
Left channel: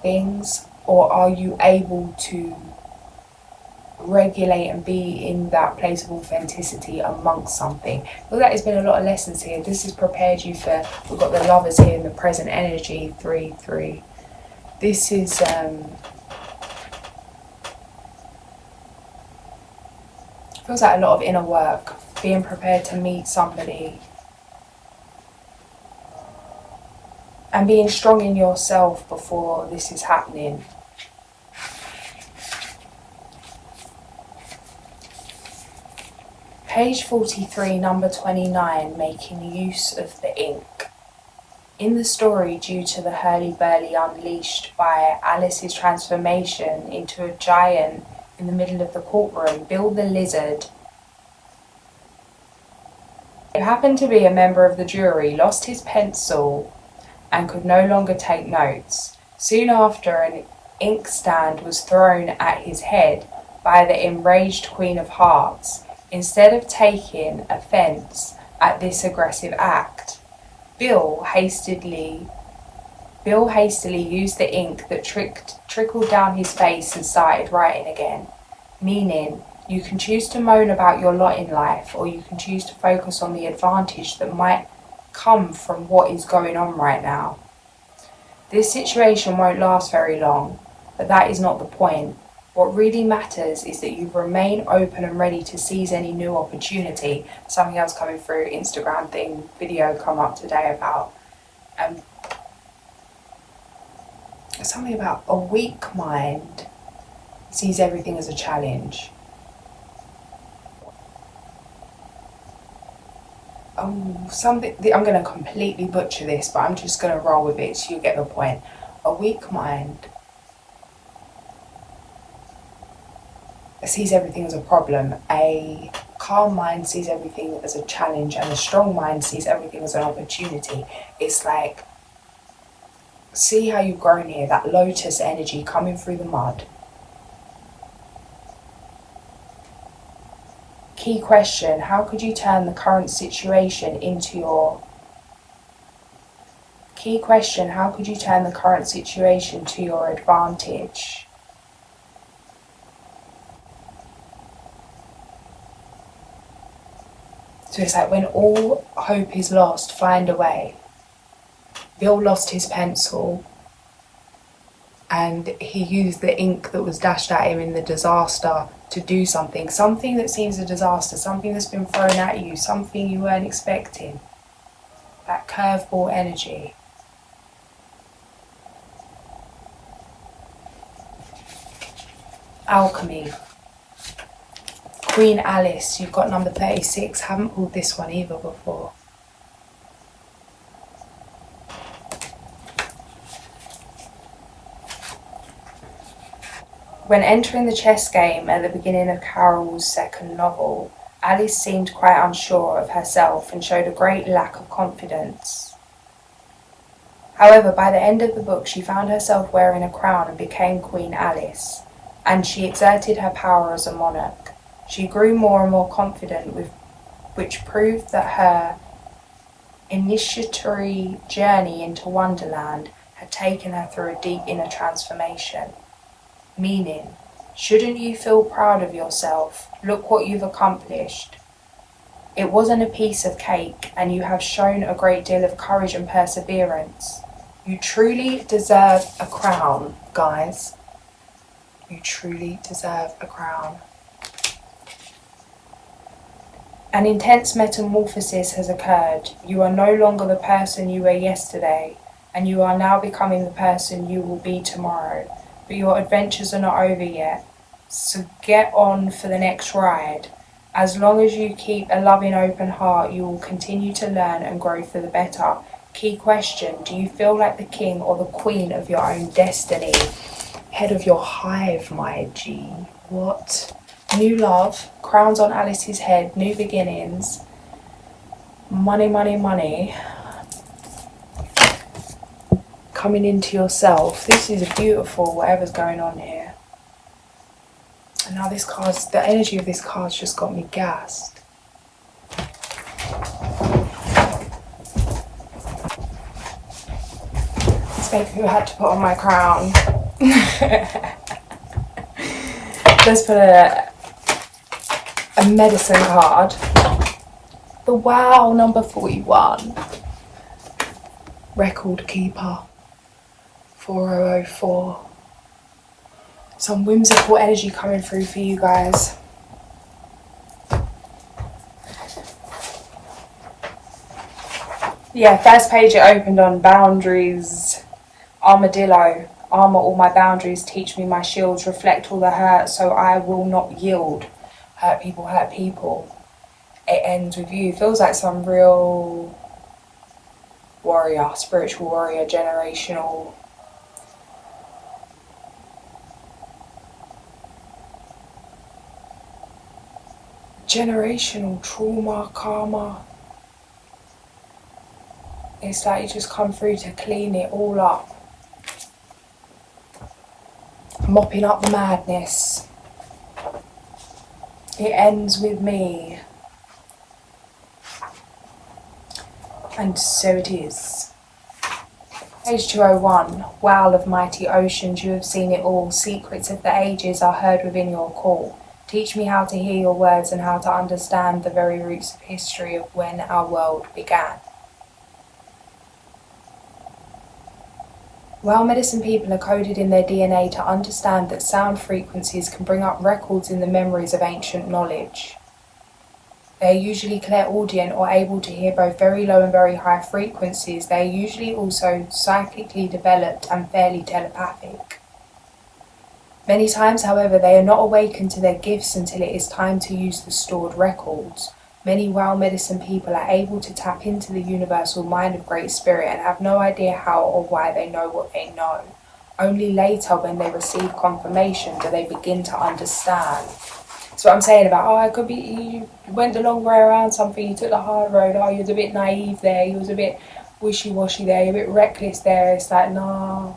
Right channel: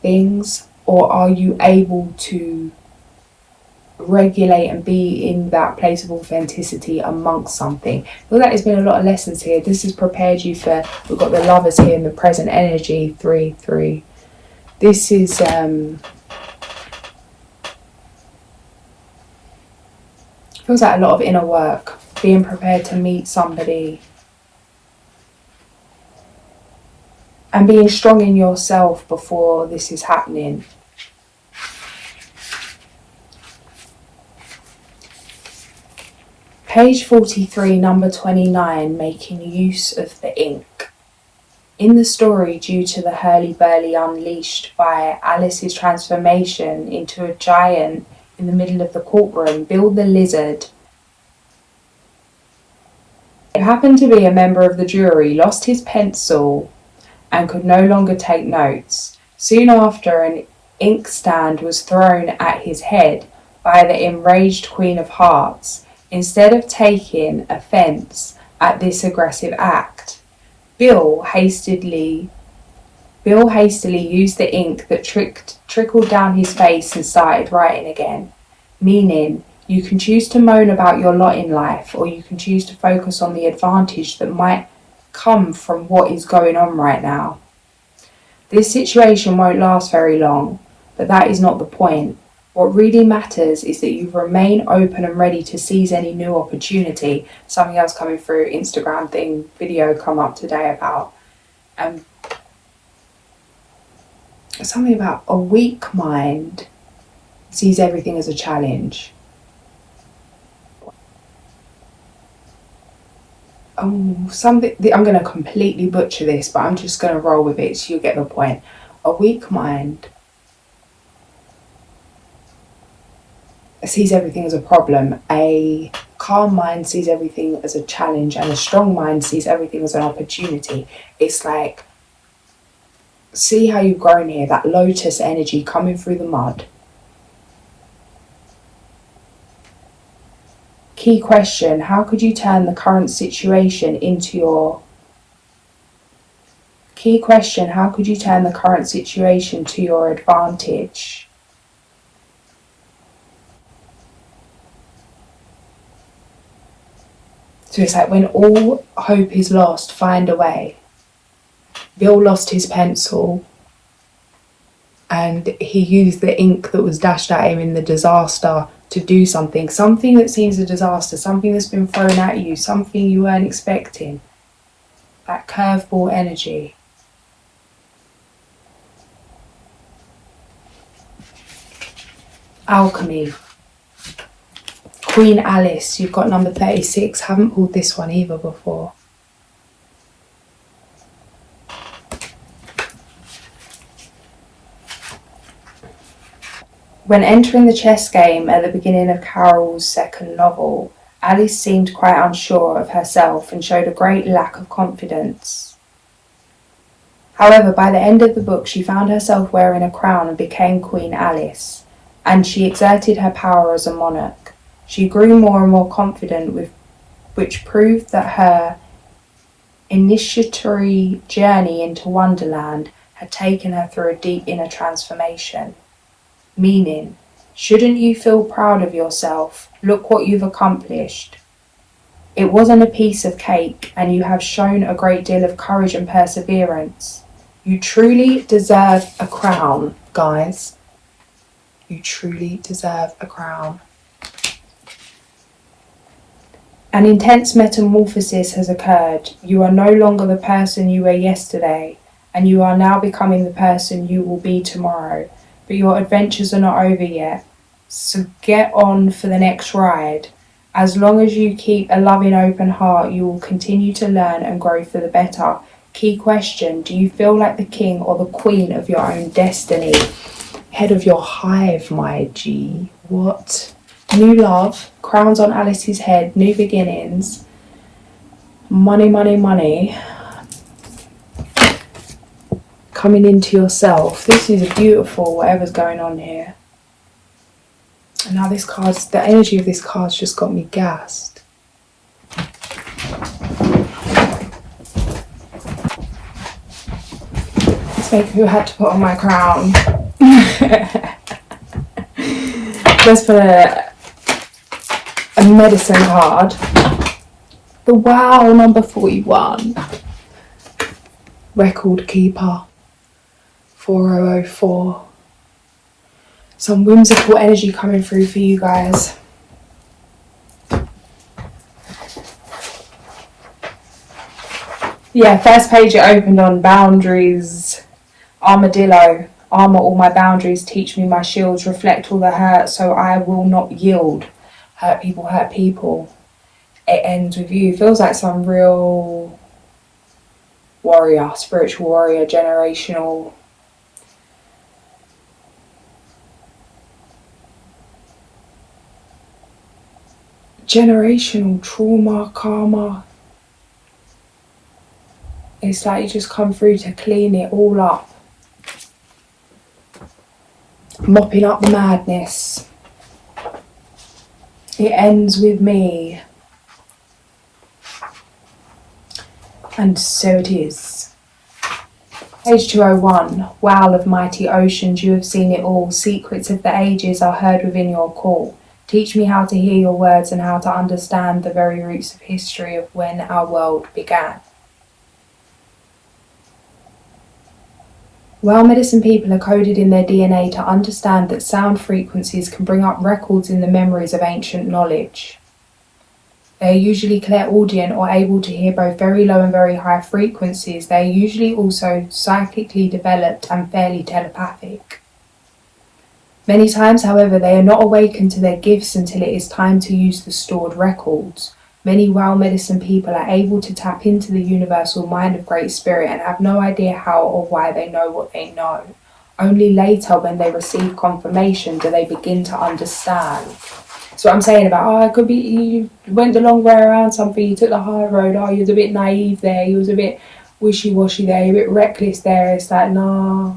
things, or are you able to regulate and be in that place of authenticity amongst something? Well, that has been a lot of lessons here. This has prepared you for, we've got the Lovers here in the present energy, 3-3. This is feels like a lot of inner work, being prepared to meet somebody and being strong in yourself before this is happening. Page 43, number 29, making use of the ink. In the story, due to the hurly-burly unleashed by Alice's transformation into a giant in the middle of the courtroom, Bill the Lizard, who happened to be a member of the jury, lost his pencil and could no longer take notes. Soon after, an inkstand was thrown at his head by the enraged Queen of Hearts. Instead of taking offence at this aggressive act, Bill hastily used the ink that trickled down his face and started writing again. Meaning, you can choose to moan about your lot in life, or you can choose to focus on the advantage that might come from what is going on right now. This situation won't last very long, but that is not the point. What really matters is that you remain open and ready to seize any new opportunity. Something else coming through, Instagram video come up today about something about a weak mind sees everything as a challenge. Something, I'm going to completely butcher this, but I'm just going to roll with it so you get the point. A weak mind sees everything as a problem. A calm mind sees everything as a challenge, and a strong mind sees everything as an opportunity. It's like, see how you've grown here, that lotus energy coming through the mud. Key question, how could you turn the current situation into your... Key question, how could you turn the current situation to your advantage? So it's like when all hope is lost, find a way. Bill lost his pencil and he used the ink that was dashed at him in the disaster to do something that seems a disaster, something that's been thrown at you, something you weren't expecting. That curveball energy. Alchemy. Queen Alice, you've got number 36. Haven't pulled this one either before. When entering the chess game at the beginning of Carol's second novel, Alice seemed quite unsure of herself and showed a great lack of confidence. However, by the end of the book, she found herself wearing a crown and became Queen Alice, and she exerted her power as a monarch. She grew more and more confident, which proved that her initiatory journey into Wonderland had taken her through a deep inner transformation. Meaning, shouldn't you feel proud of yourself? Look what you've accomplished. It wasn't a piece of cake, and you have shown a great deal of courage and perseverance. You truly deserve a crown, guys. You truly deserve a crown. An intense metamorphosis has occurred. You are no longer the person you were yesterday, and you are now becoming the person you will be tomorrow. But your adventures are not over yet, so get on for the next ride. As long as you keep a loving, open heart, you will continue to learn and grow for the better. Key question: do you feel like the king or the queen of your own destiny? Head of your hive, my G. What? New love, crowns on Alice's head, new beginnings, money, money, money. Coming into yourself. This is beautiful, whatever's going on here. And now this card's, the energy of this card's just got me gassed. Let's make who had to put on my crown. Let's put a medicine card. The Wow, number 41. Record keeper. 4004. Some whimsical energy coming through for you guys. Yeah, first page it opened on boundaries. Armadillo. Armour all my boundaries, teach me my shields, reflect all the hurt so I will not yield. Hurt people, hurt people. It ends with you. Feels like some real warrior, spiritual warrior, generational. Generational trauma, karma. It's like you just come through to clean it all up. Mopping up the madness. It ends with me. And so it is. Page 201. Wow of mighty oceans, you have seen it all. Secrets of the ages are heard within your call. Teach me how to hear your words and how to understand the very roots of history of when our world began. Well, medicine people are coded in their DNA to understand that sound frequencies can bring up records in the memories of ancient knowledge. They are usually clairaudient or able to hear both very low and very high frequencies. They are usually also psychically developed and fairly telepathic. Many times, however, they are not awakened to their gifts until it is time to use the stored records. Many well medicine people are able to tap into the universal mind of Great Spirit and have no idea how or why they know what they know. Only later, when they receive confirmation, do they begin to understand. So what I'm saying about, it could be you went the long way around something, you took the high road, you was a bit naive there, you was a bit wishy-washy there, you're a bit reckless there. It's like, nah,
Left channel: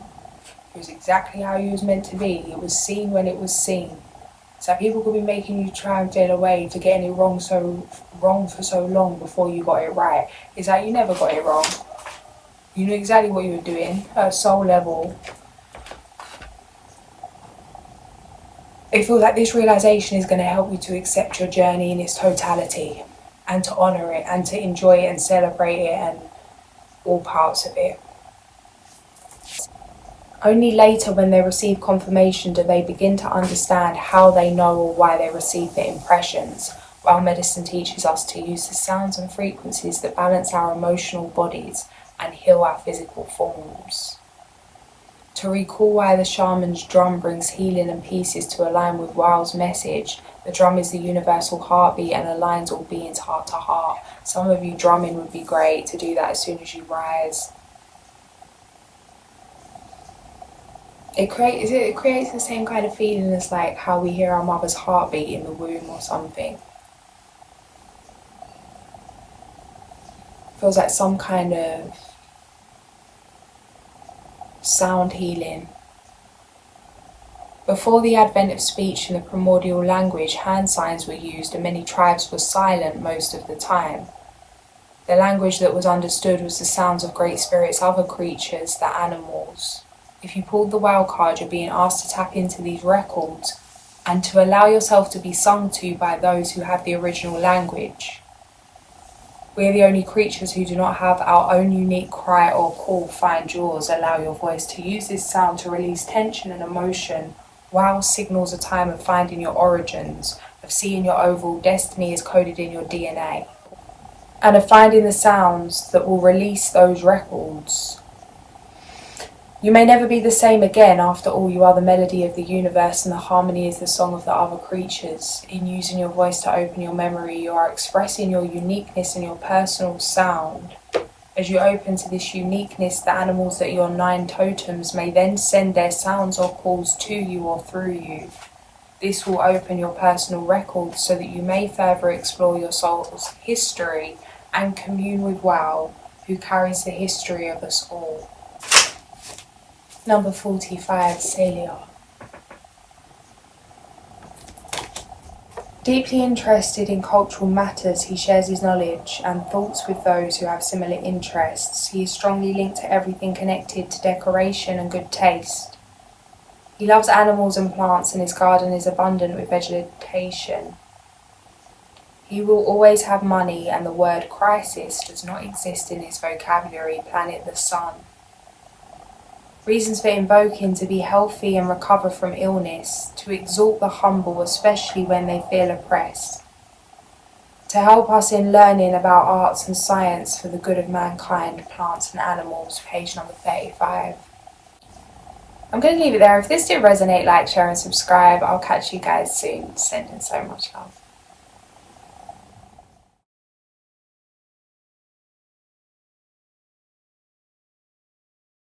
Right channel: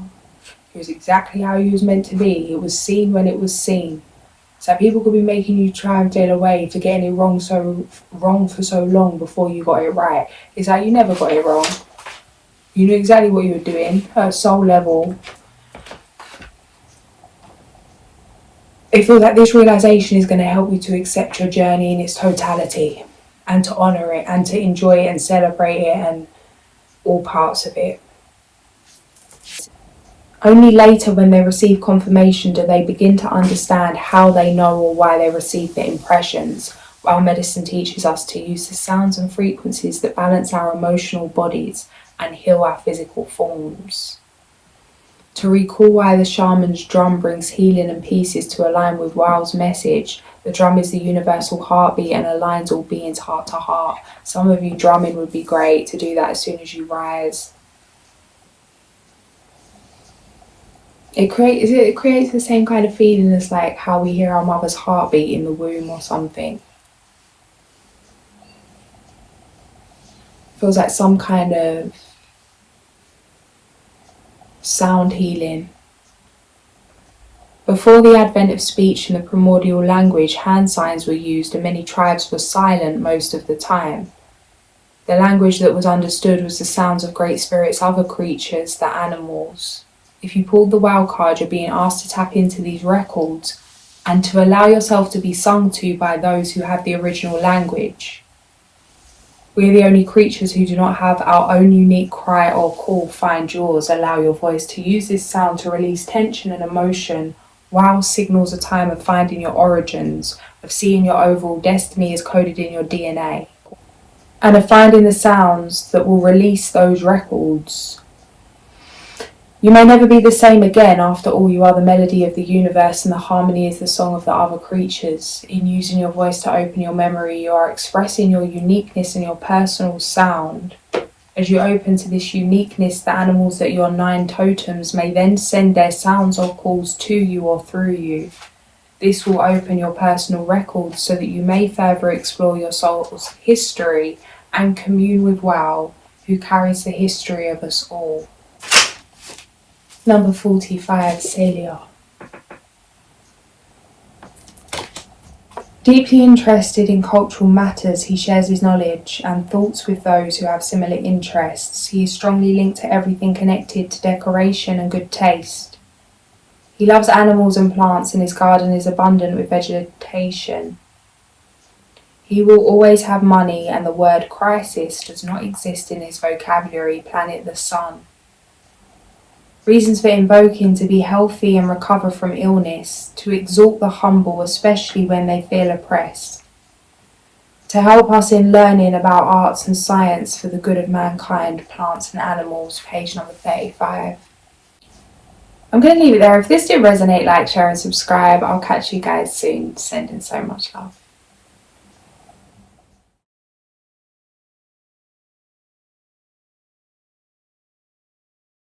it was exactly how you was meant to be. It was seen when it was seen. So people could be making you try and feel away for getting it wrong for so long before you got it right. It's like you never got it wrong. You knew exactly what you were doing at a soul level. It feels like this realization is going to help you to accept your journey in its totality and to honor it and to enjoy it and celebrate it and all parts of it. Only later, when they receive confirmation, do they begin to understand how they know or why they receive the impressions. While medicine teaches us to use the sounds and frequencies that balance our emotional bodies and heal our physical forms. To recall why the shaman's drum brings healing and pieces to align with Wow's message, the drum is the universal heartbeat and aligns all beings heart to heart. Some of you drumming would be great to do that as soon as you rise. It creates the same kind of feeling as like how we hear our mother's heartbeat in the womb or something. Feels like some kind of sound healing. Before the advent of speech and the primordial language, hand signs were used and many tribes were silent most of the time. The language that was understood was the sounds of great spirits, other creatures, the animals. If you pulled the wow card, you're being asked to tap into these records and to allow yourself to be sung to by those who have the original language. We're the only creatures who do not have our own unique cry or call. Find yours. Allow your voice to use this sound to release tension and emotion. Wow signals a time of finding your origins, of seeing your overall destiny is coded in your DNA, and of finding the sounds that will release those records. You may never be the same again. After all, you are the melody of the universe and the harmony is the song of the other creatures. In using your voice to open your memory, you are expressing your uniqueness and your personal sound. As you open to this uniqueness, the animals that your 9 totems may then send their sounds or calls to you or through you. This will open your personal records so that you may further explore your soul's history and commune with Wow, who carries the history of us all. Number 45, Celia. Deeply interested in cultural matters, he shares his knowledge and thoughts with those who have similar interests. He is strongly linked to everything connected to decoration and good taste. He loves animals and plants, and his garden is abundant with vegetation. He will always have money, and the word crisis does not exist in his vocabulary. Planet the Sun. Reasons for invoking: to be healthy and recover from illness, to exalt the humble, especially when they feel oppressed, to help us in learning about arts and science for the good of mankind, plants and animals. Page number 35. I'm going to leave it there. If this did resonate, like, share and subscribe. I'll catch you guys soon. Sending so much love.